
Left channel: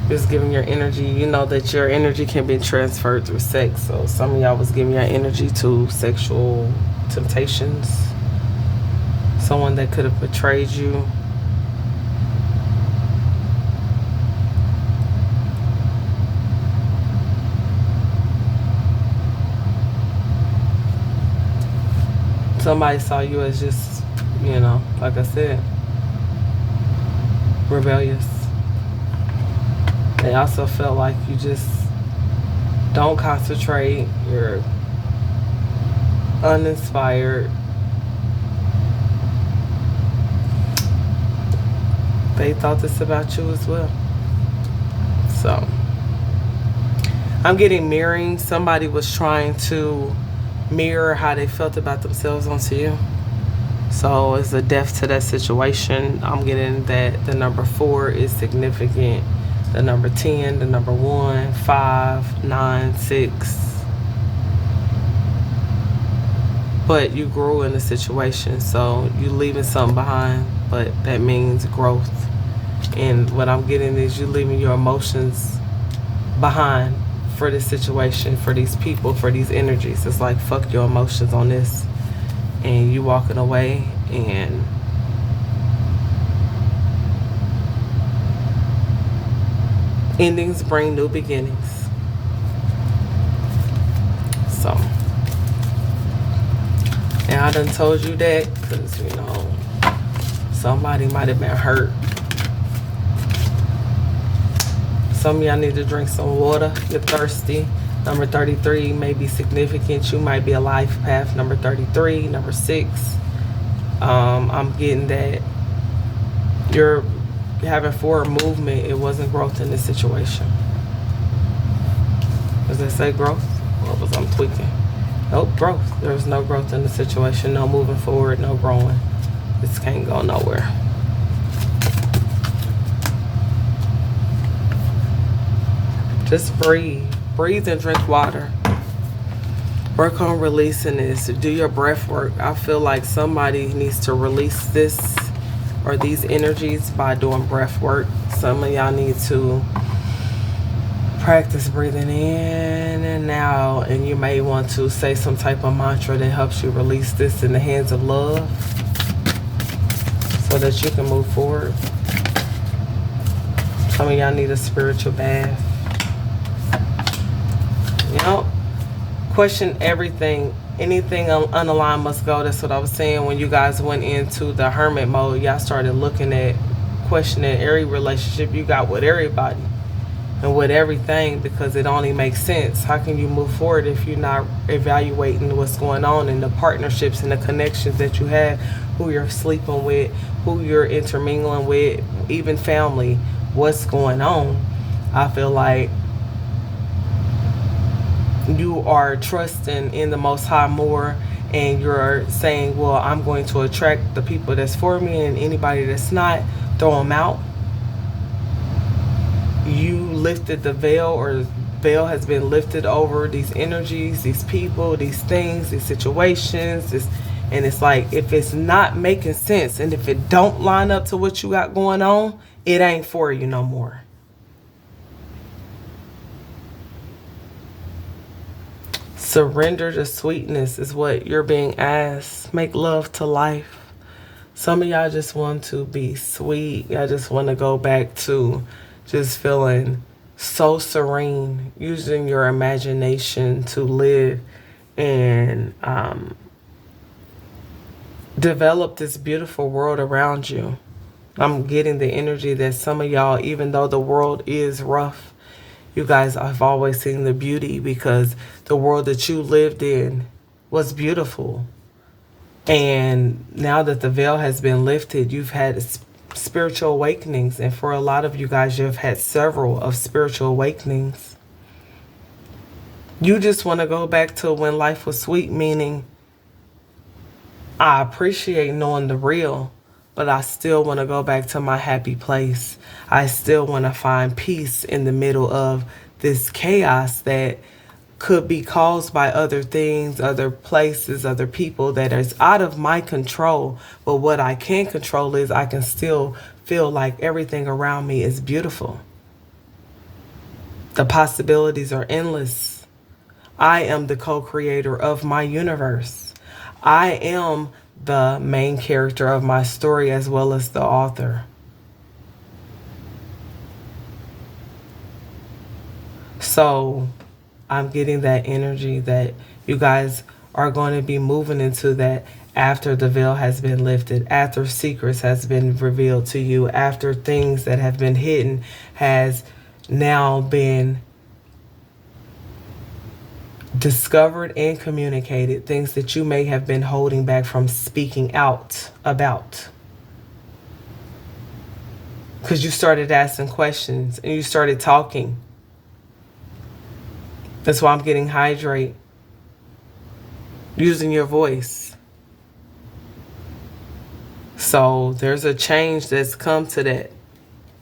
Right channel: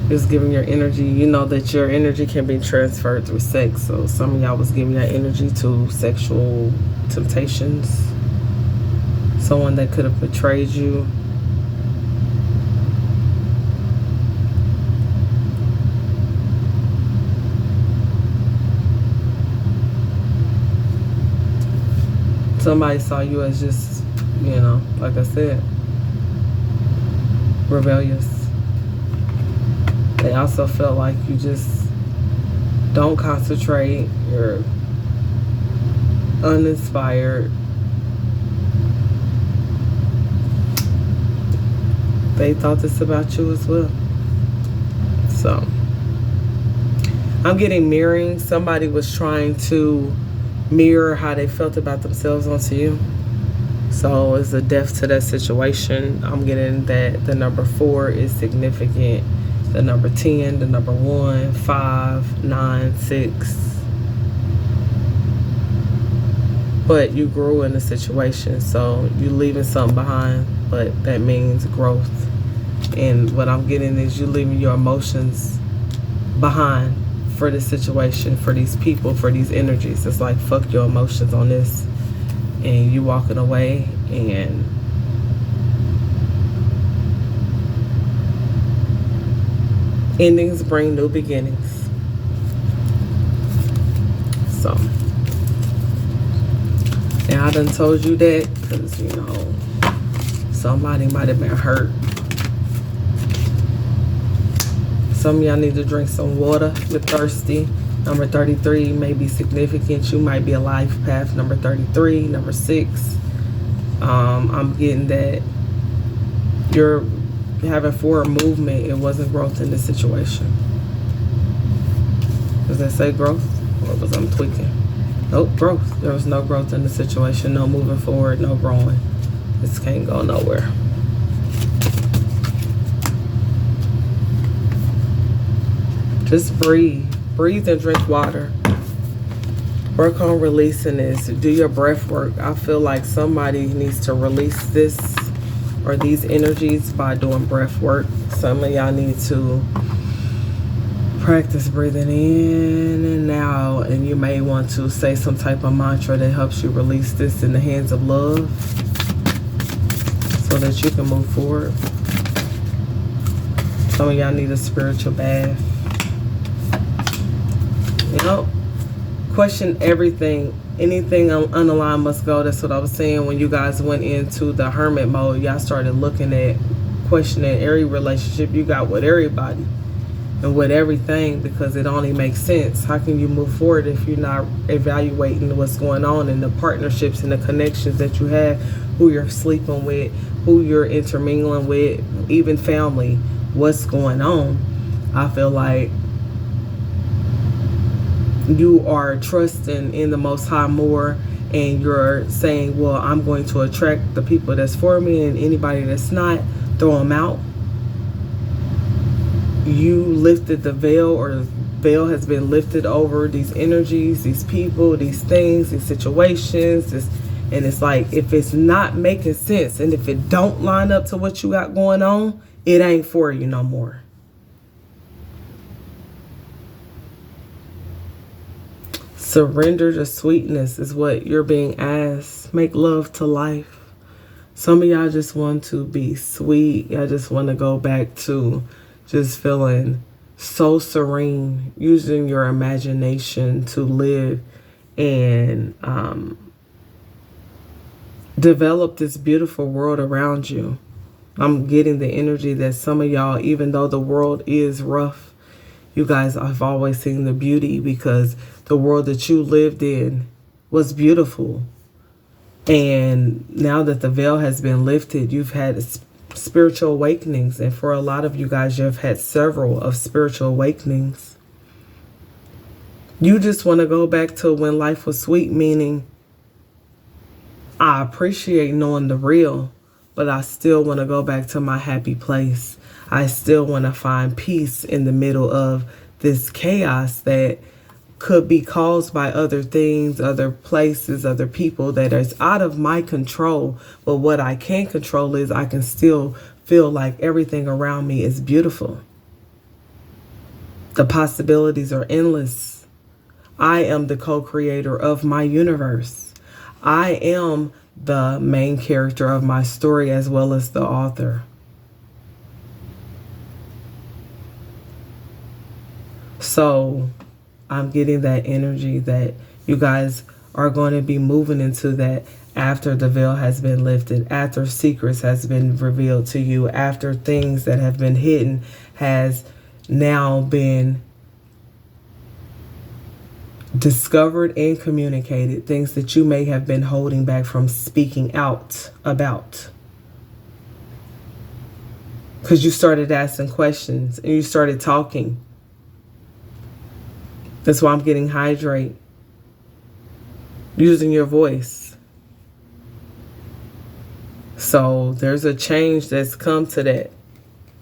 It was giving your energy. You know that your energy can be transferred through sex. So some of y'all was giving your energy to sexual temptations. Someone that could have betrayed you. Somebody saw you as just, like I said, rebellious. They also felt like you just don't concentrate. You're uninspired. They thought this about you as well. So, I'm getting mirroring. Somebody was trying to mirror how they felt about themselves onto you. So it's a death to that situation. I'm getting that the number 4 is significant. The number 10, the number 1, 5, 9, 6. But you grew in the situation, so you leaving something behind, but that means growth. And what I'm getting is you leaving your emotions behind for this situation, for these people, for these energies. It's like, fuck your emotions on this. And you walking away, and endings bring new beginnings. So, and I done told you that because, somebody might have been hurt. Some of y'all need to drink some water. You're thirsty. Number 33 may be significant. You might be a life path. Number 33, number 6. I'm getting that you're having forward movement. It wasn't growth in this situation. Does that say growth? Or was I tweaking? Nope, growth. There was no growth in the situation. No moving forward. No growing. This can't go nowhere. Just breathe. Breathe and drink water. Work on releasing this. Do your breath work. I feel like somebody needs to release this or these energies by doing breath work. Some of y'all need to practice breathing in and out, and you may want to say some type of mantra that helps you release this in the hands of love so that you can move forward. Some of y'all need a spiritual bath. Question everything. Anything unaligned must go. That's what I was saying when you guys went into the hermit mode. Y'all started looking at questioning every relationship you got with everybody and with everything, because it only makes sense. How can you move forward if you're not evaluating what's going on in the partnerships and the connections that you have, who you're sleeping with, who you're intermingling with, even family, what's going on? I feel like you are trusting in the Most High more, and you're saying, well, I'm going to attract the people that's for me, and anybody that's not, throw them out. You lifted the veil, or the veil has been lifted over these energies, these people, these things, these situations. And it's like, if it's not making sense, and if it don't line up to what you got going on, it ain't for you no more. Surrender to sweetness is what you're being asked. Make love to life. Some of y'all just want to be sweet. Y'all just want to go back to just feeling so serene, using your imagination to live and develop this beautiful world around you. I'm getting the energy that some of y'all, even though the world is rough, you guys have always seen the beauty, because the world that you lived in was beautiful. And now that the veil has been lifted, you've had spiritual awakenings. And for a lot of you guys, you've had several of spiritual awakenings. You just want to go back to when life was sweet, meaning I appreciate knowing the real, but I still want to go back to my happy place. I still want to find peace in the middle of this chaos that could be caused by other things, other places, other people that is out of my control. But what I can control is I can still feel like everything around me is beautiful. The possibilities are endless. I am the co-creator of my universe. I am the main character of my story as well as the author. So I'm getting that energy that you guys are going to be moving into that after the veil has been lifted, after secrets has been revealed to you, after things that have been hidden has now been discovered and communicated, things that you may have been holding back from speaking out about. Because you started asking questions and you started talking. That's why I'm getting hydrate. Using your voice. So there's a change that's come to that.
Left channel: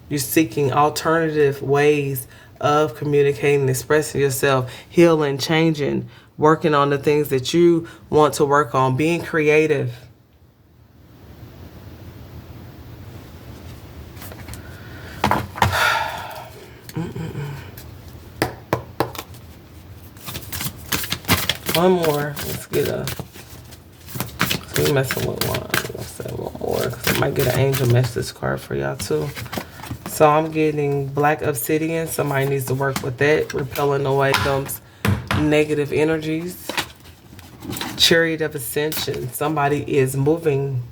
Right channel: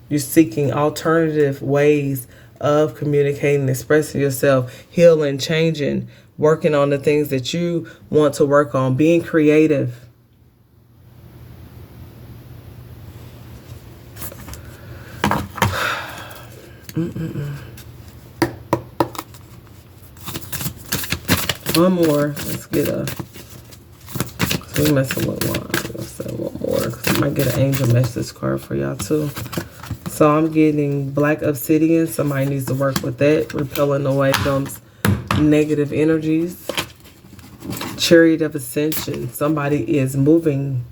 You're seeking alternative ways of communicating, expressing yourself, healing, changing, working on the things that you want to work on, being creative. One more. Let's get a. We messing with one. Let's say one more because I might get an angel message card for y'all too. So I'm getting black obsidian. Somebody needs to work with that, repelling away those negative energies. Chariot of ascension. Somebody is moving,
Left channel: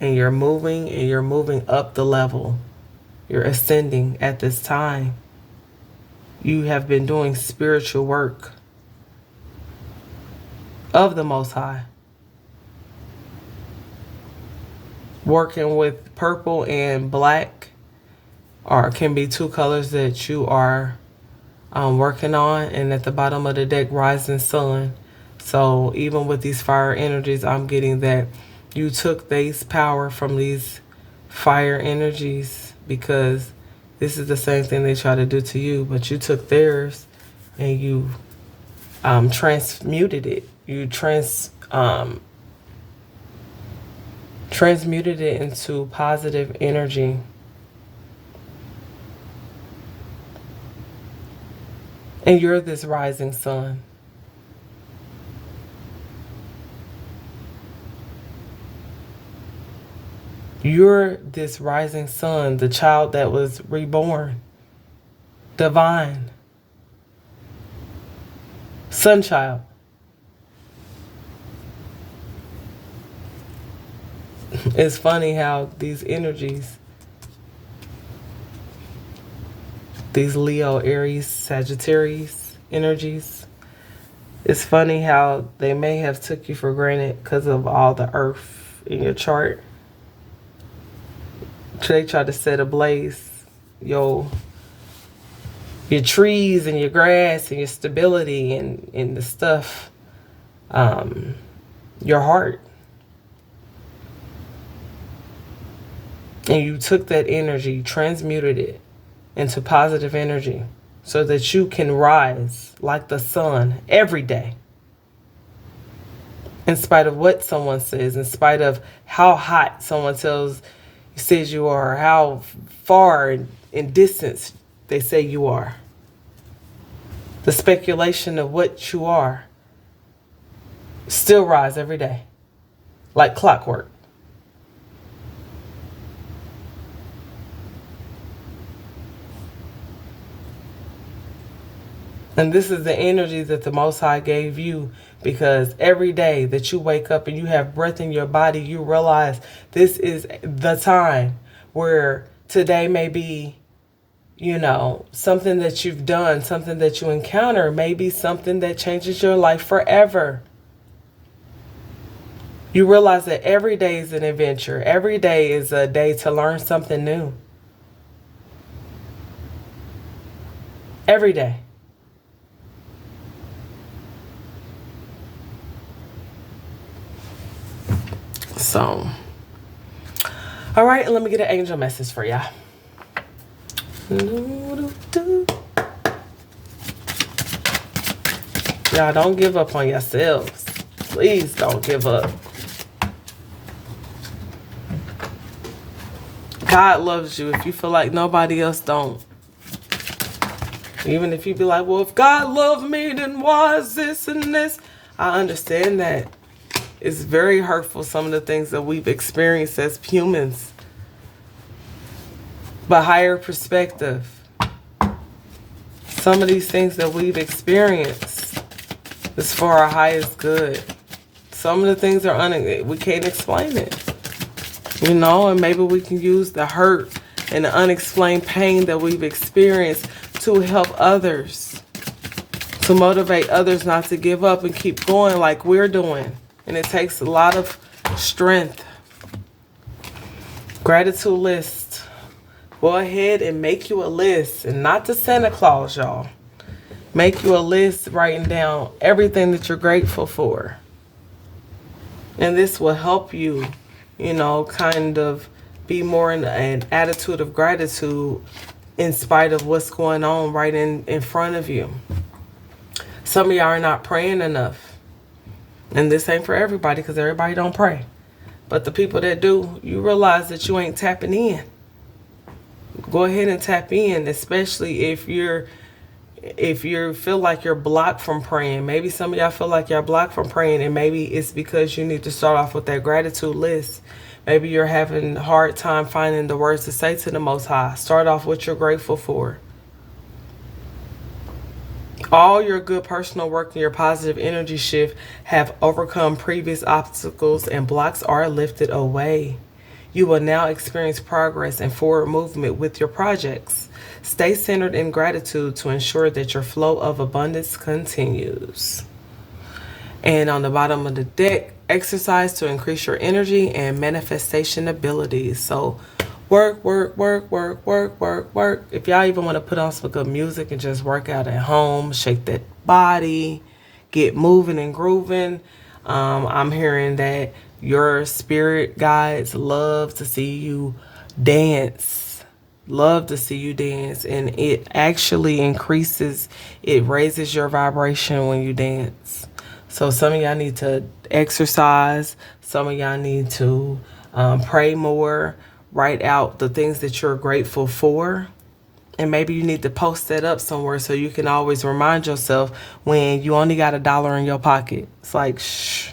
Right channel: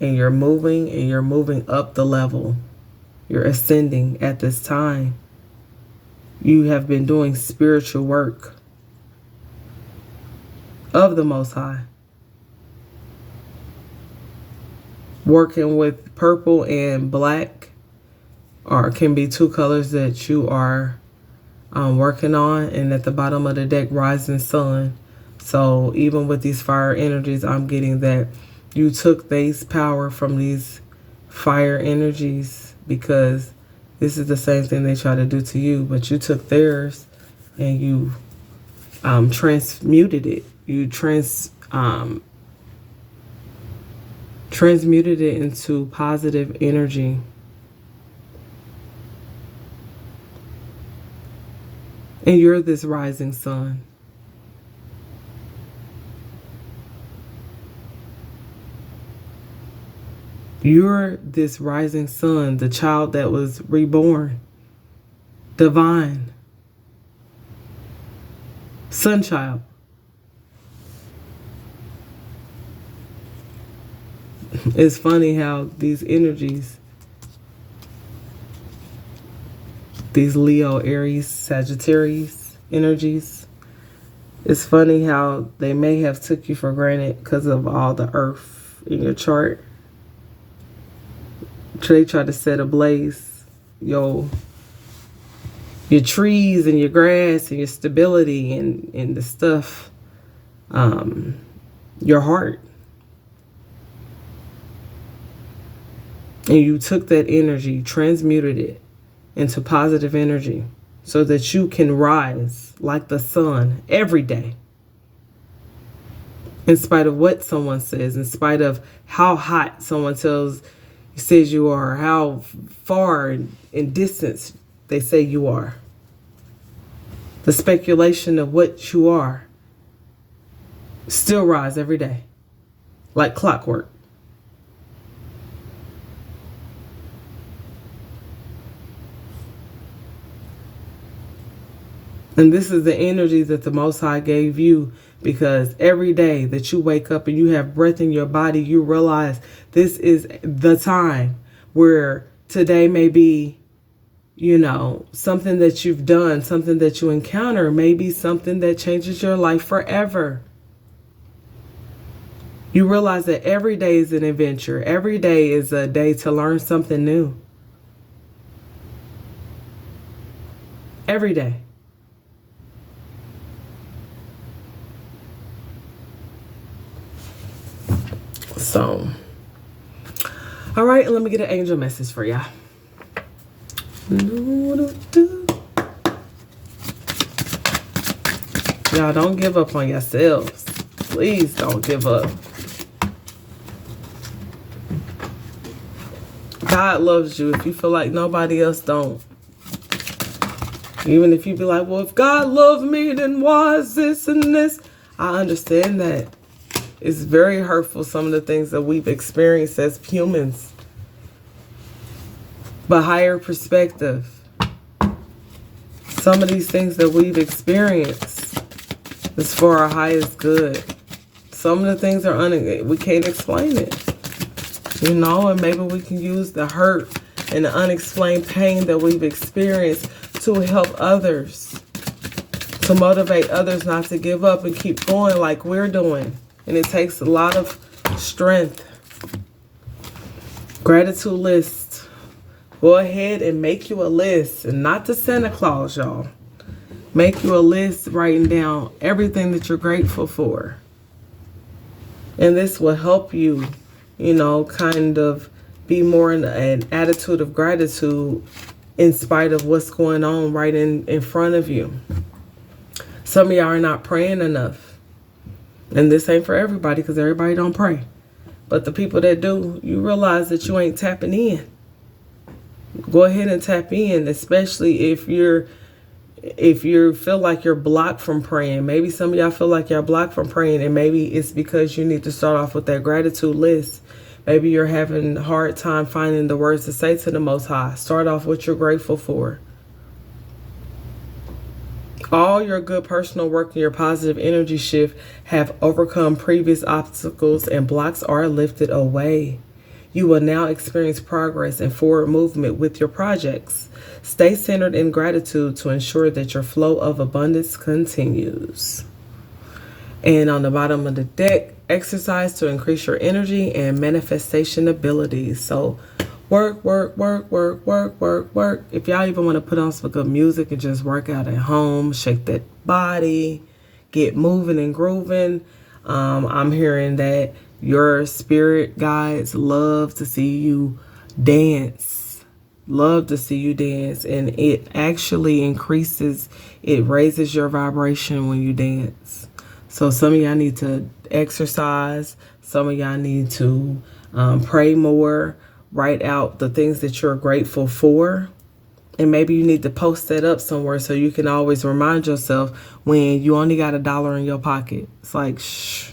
and you're moving up the level. You're ascending at this time. You have been doing spiritual work of the Most High. Working with purple and black can be two colors that you are working on. And at the bottom of the deck, rising sun. So even with these fire energies, I'm getting that you took these power from these fire energies, because this is the same thing they try to do to you, but you took theirs and you transmuted it. You transmuted it into positive energy. And you're this rising sun. You're this rising sun, the child that was reborn, divine, sun child. It's funny how these energies, these Leo, Aries, Sagittarius energies, it's funny how they may have took you for granted because of all the earth in your chart. They try to set ablaze your trees and your grass and your stability and the stuff, your heart. And you took that energy, transmuted it into positive energy so that you can rise like the sun every day. In spite of what someone says, in spite of how hot someone says you are, how far in distance they say you are. The speculation of what you are. Still rise every day like clockwork. And this is the energy that the Most High gave you, because every day that you wake up and you have breath in your body, you realize this is the time where today may be, something that you've done, something that you encounter, maybe something that changes your life forever. You realize that every day is an adventure. Every day is a day to learn something new. Every day. So, all right, let me get an angel message for y'all. Y'all, don't give up on yourselves. Please don't give up. God loves you if you feel like nobody else don't. Even if you be like, well, if God loved me, then why is this and this? I understand that. It's very hurtful, some of the things that we've experienced as humans. But higher perspective. Some of these things that we've experienced is for our highest good. Some of the things are we can't explain it. You know, and maybe we can use the hurt and the unexplained pain that we've experienced to help others, to motivate others not to give up and keep going like we're doing. And it takes a lot of strength. Gratitude list. Go ahead and make you a list, and not to Santa Claus, y'all. Make you a list writing down everything that you're grateful for. And this will help you, you know, kind of be more in an attitude of gratitude in spite of what's going on right in front of you. Some of y'all are not praying enough. And this ain't for everybody because everybody don't pray. But the people that do, you realize that you ain't tapping in. Go ahead and tap in, especially if you feel like you're blocked from praying. Maybe some of y'all feel like you're blocked from praying, and maybe it's because you need to start off with that gratitude list. Maybe you're having a hard time finding the words to say to the Most High. Start off what you're grateful for. All your good personal work and your positive energy shift have overcome previous obstacles, and blocks are lifted away. You will now experience progress and forward movement with your projects. Stay centered in gratitude to ensure that your flow of abundance continues. And on the bottom of the deck, exercise to increase your energy and manifestation abilities. So work. If y'all even want to put on some good music and just work out at home, shake that body, get moving and grooving. I'm hearing that your spirit guides love to see you dance. Love to see you dance. And it actually it raises your vibration when you dance. So some of y'all need to exercise. Some of y'all need to pray more. Write out the things that you're grateful for. And maybe you need to post that up somewhere so you can always remind yourself when you only got $1 in your pocket. It's like, shh.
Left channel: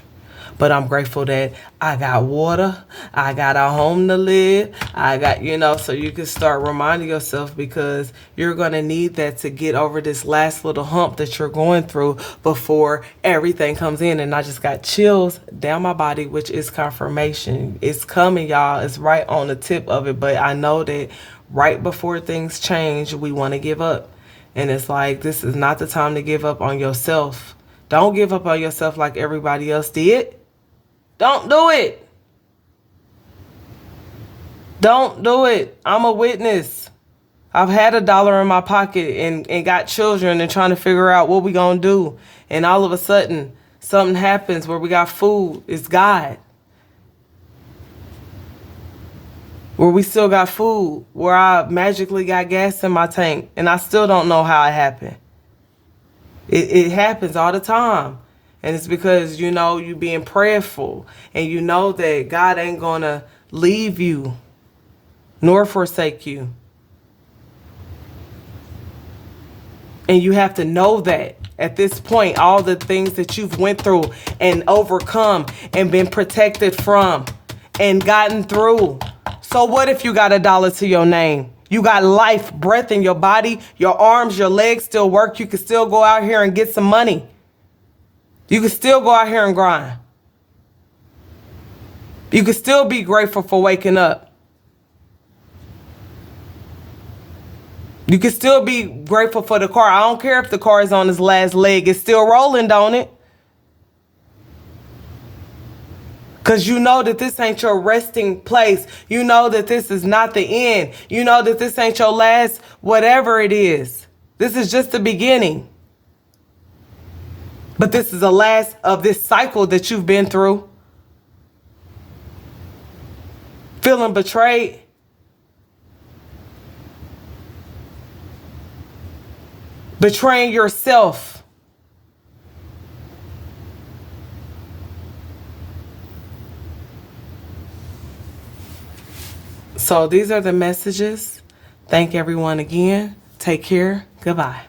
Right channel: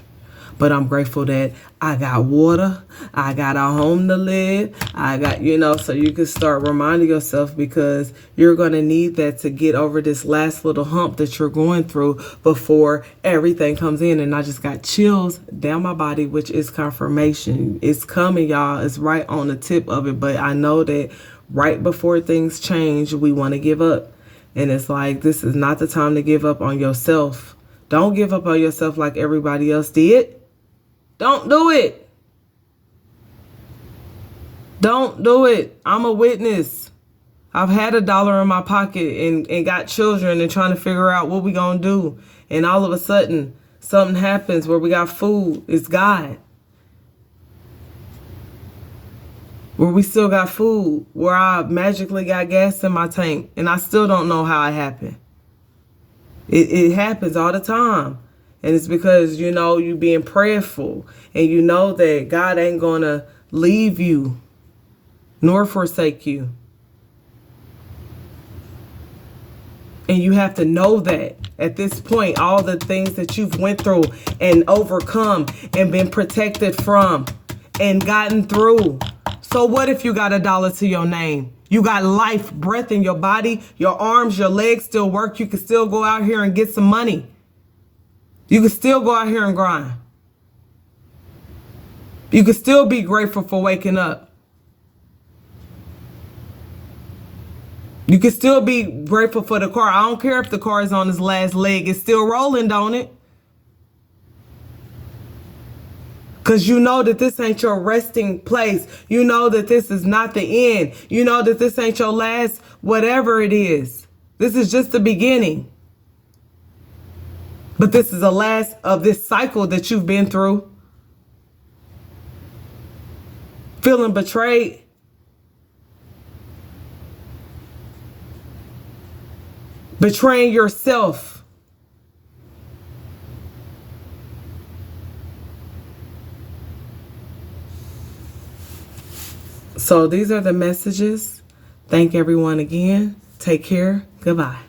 But I'm grateful that I got water. I got a home to live. I got, so you can start reminding yourself, because you're going to need that to get over this last little hump that you're going through before everything comes in. And I just got chills down my body, which is confirmation. It's coming, y'all. It's right on the tip of it. But I know that right before things change, we want to give up. And it's like, this is not the time to give up on yourself. Don't give up on yourself like everybody else did. Don't do it. Don't do it. I'm a witness. I've had $1 in my pocket and got children and trying to figure out what we gonna do. And all of a sudden, something happens where we got food. It's God. Where we still got food. Where I magically got gas in my tank. And I still don't know how it happened. It happens all the time. And it's because, you being prayerful, and you know that God ain't going to leave you nor forsake you. And you have to know that at this point, all the things that you've went through and overcome and been protected from and gotten through. So what if you got $1 to your name? You got life, breath in your body, your arms, your legs still work. You can still go out here and get some money. You can still go out here and grind. You can still be grateful for waking up. You can still be grateful for the car. I don't care if the car is on its last leg. It's still rolling, don't it? Because you know that this ain't your resting place. You know that this is not the end. You know that this ain't your last whatever it is. This is just the beginning. But this is the last of this cycle that you've been through. Feeling betrayed. Betraying yourself. So these are the messages. Thank everyone again. Take care. Goodbye.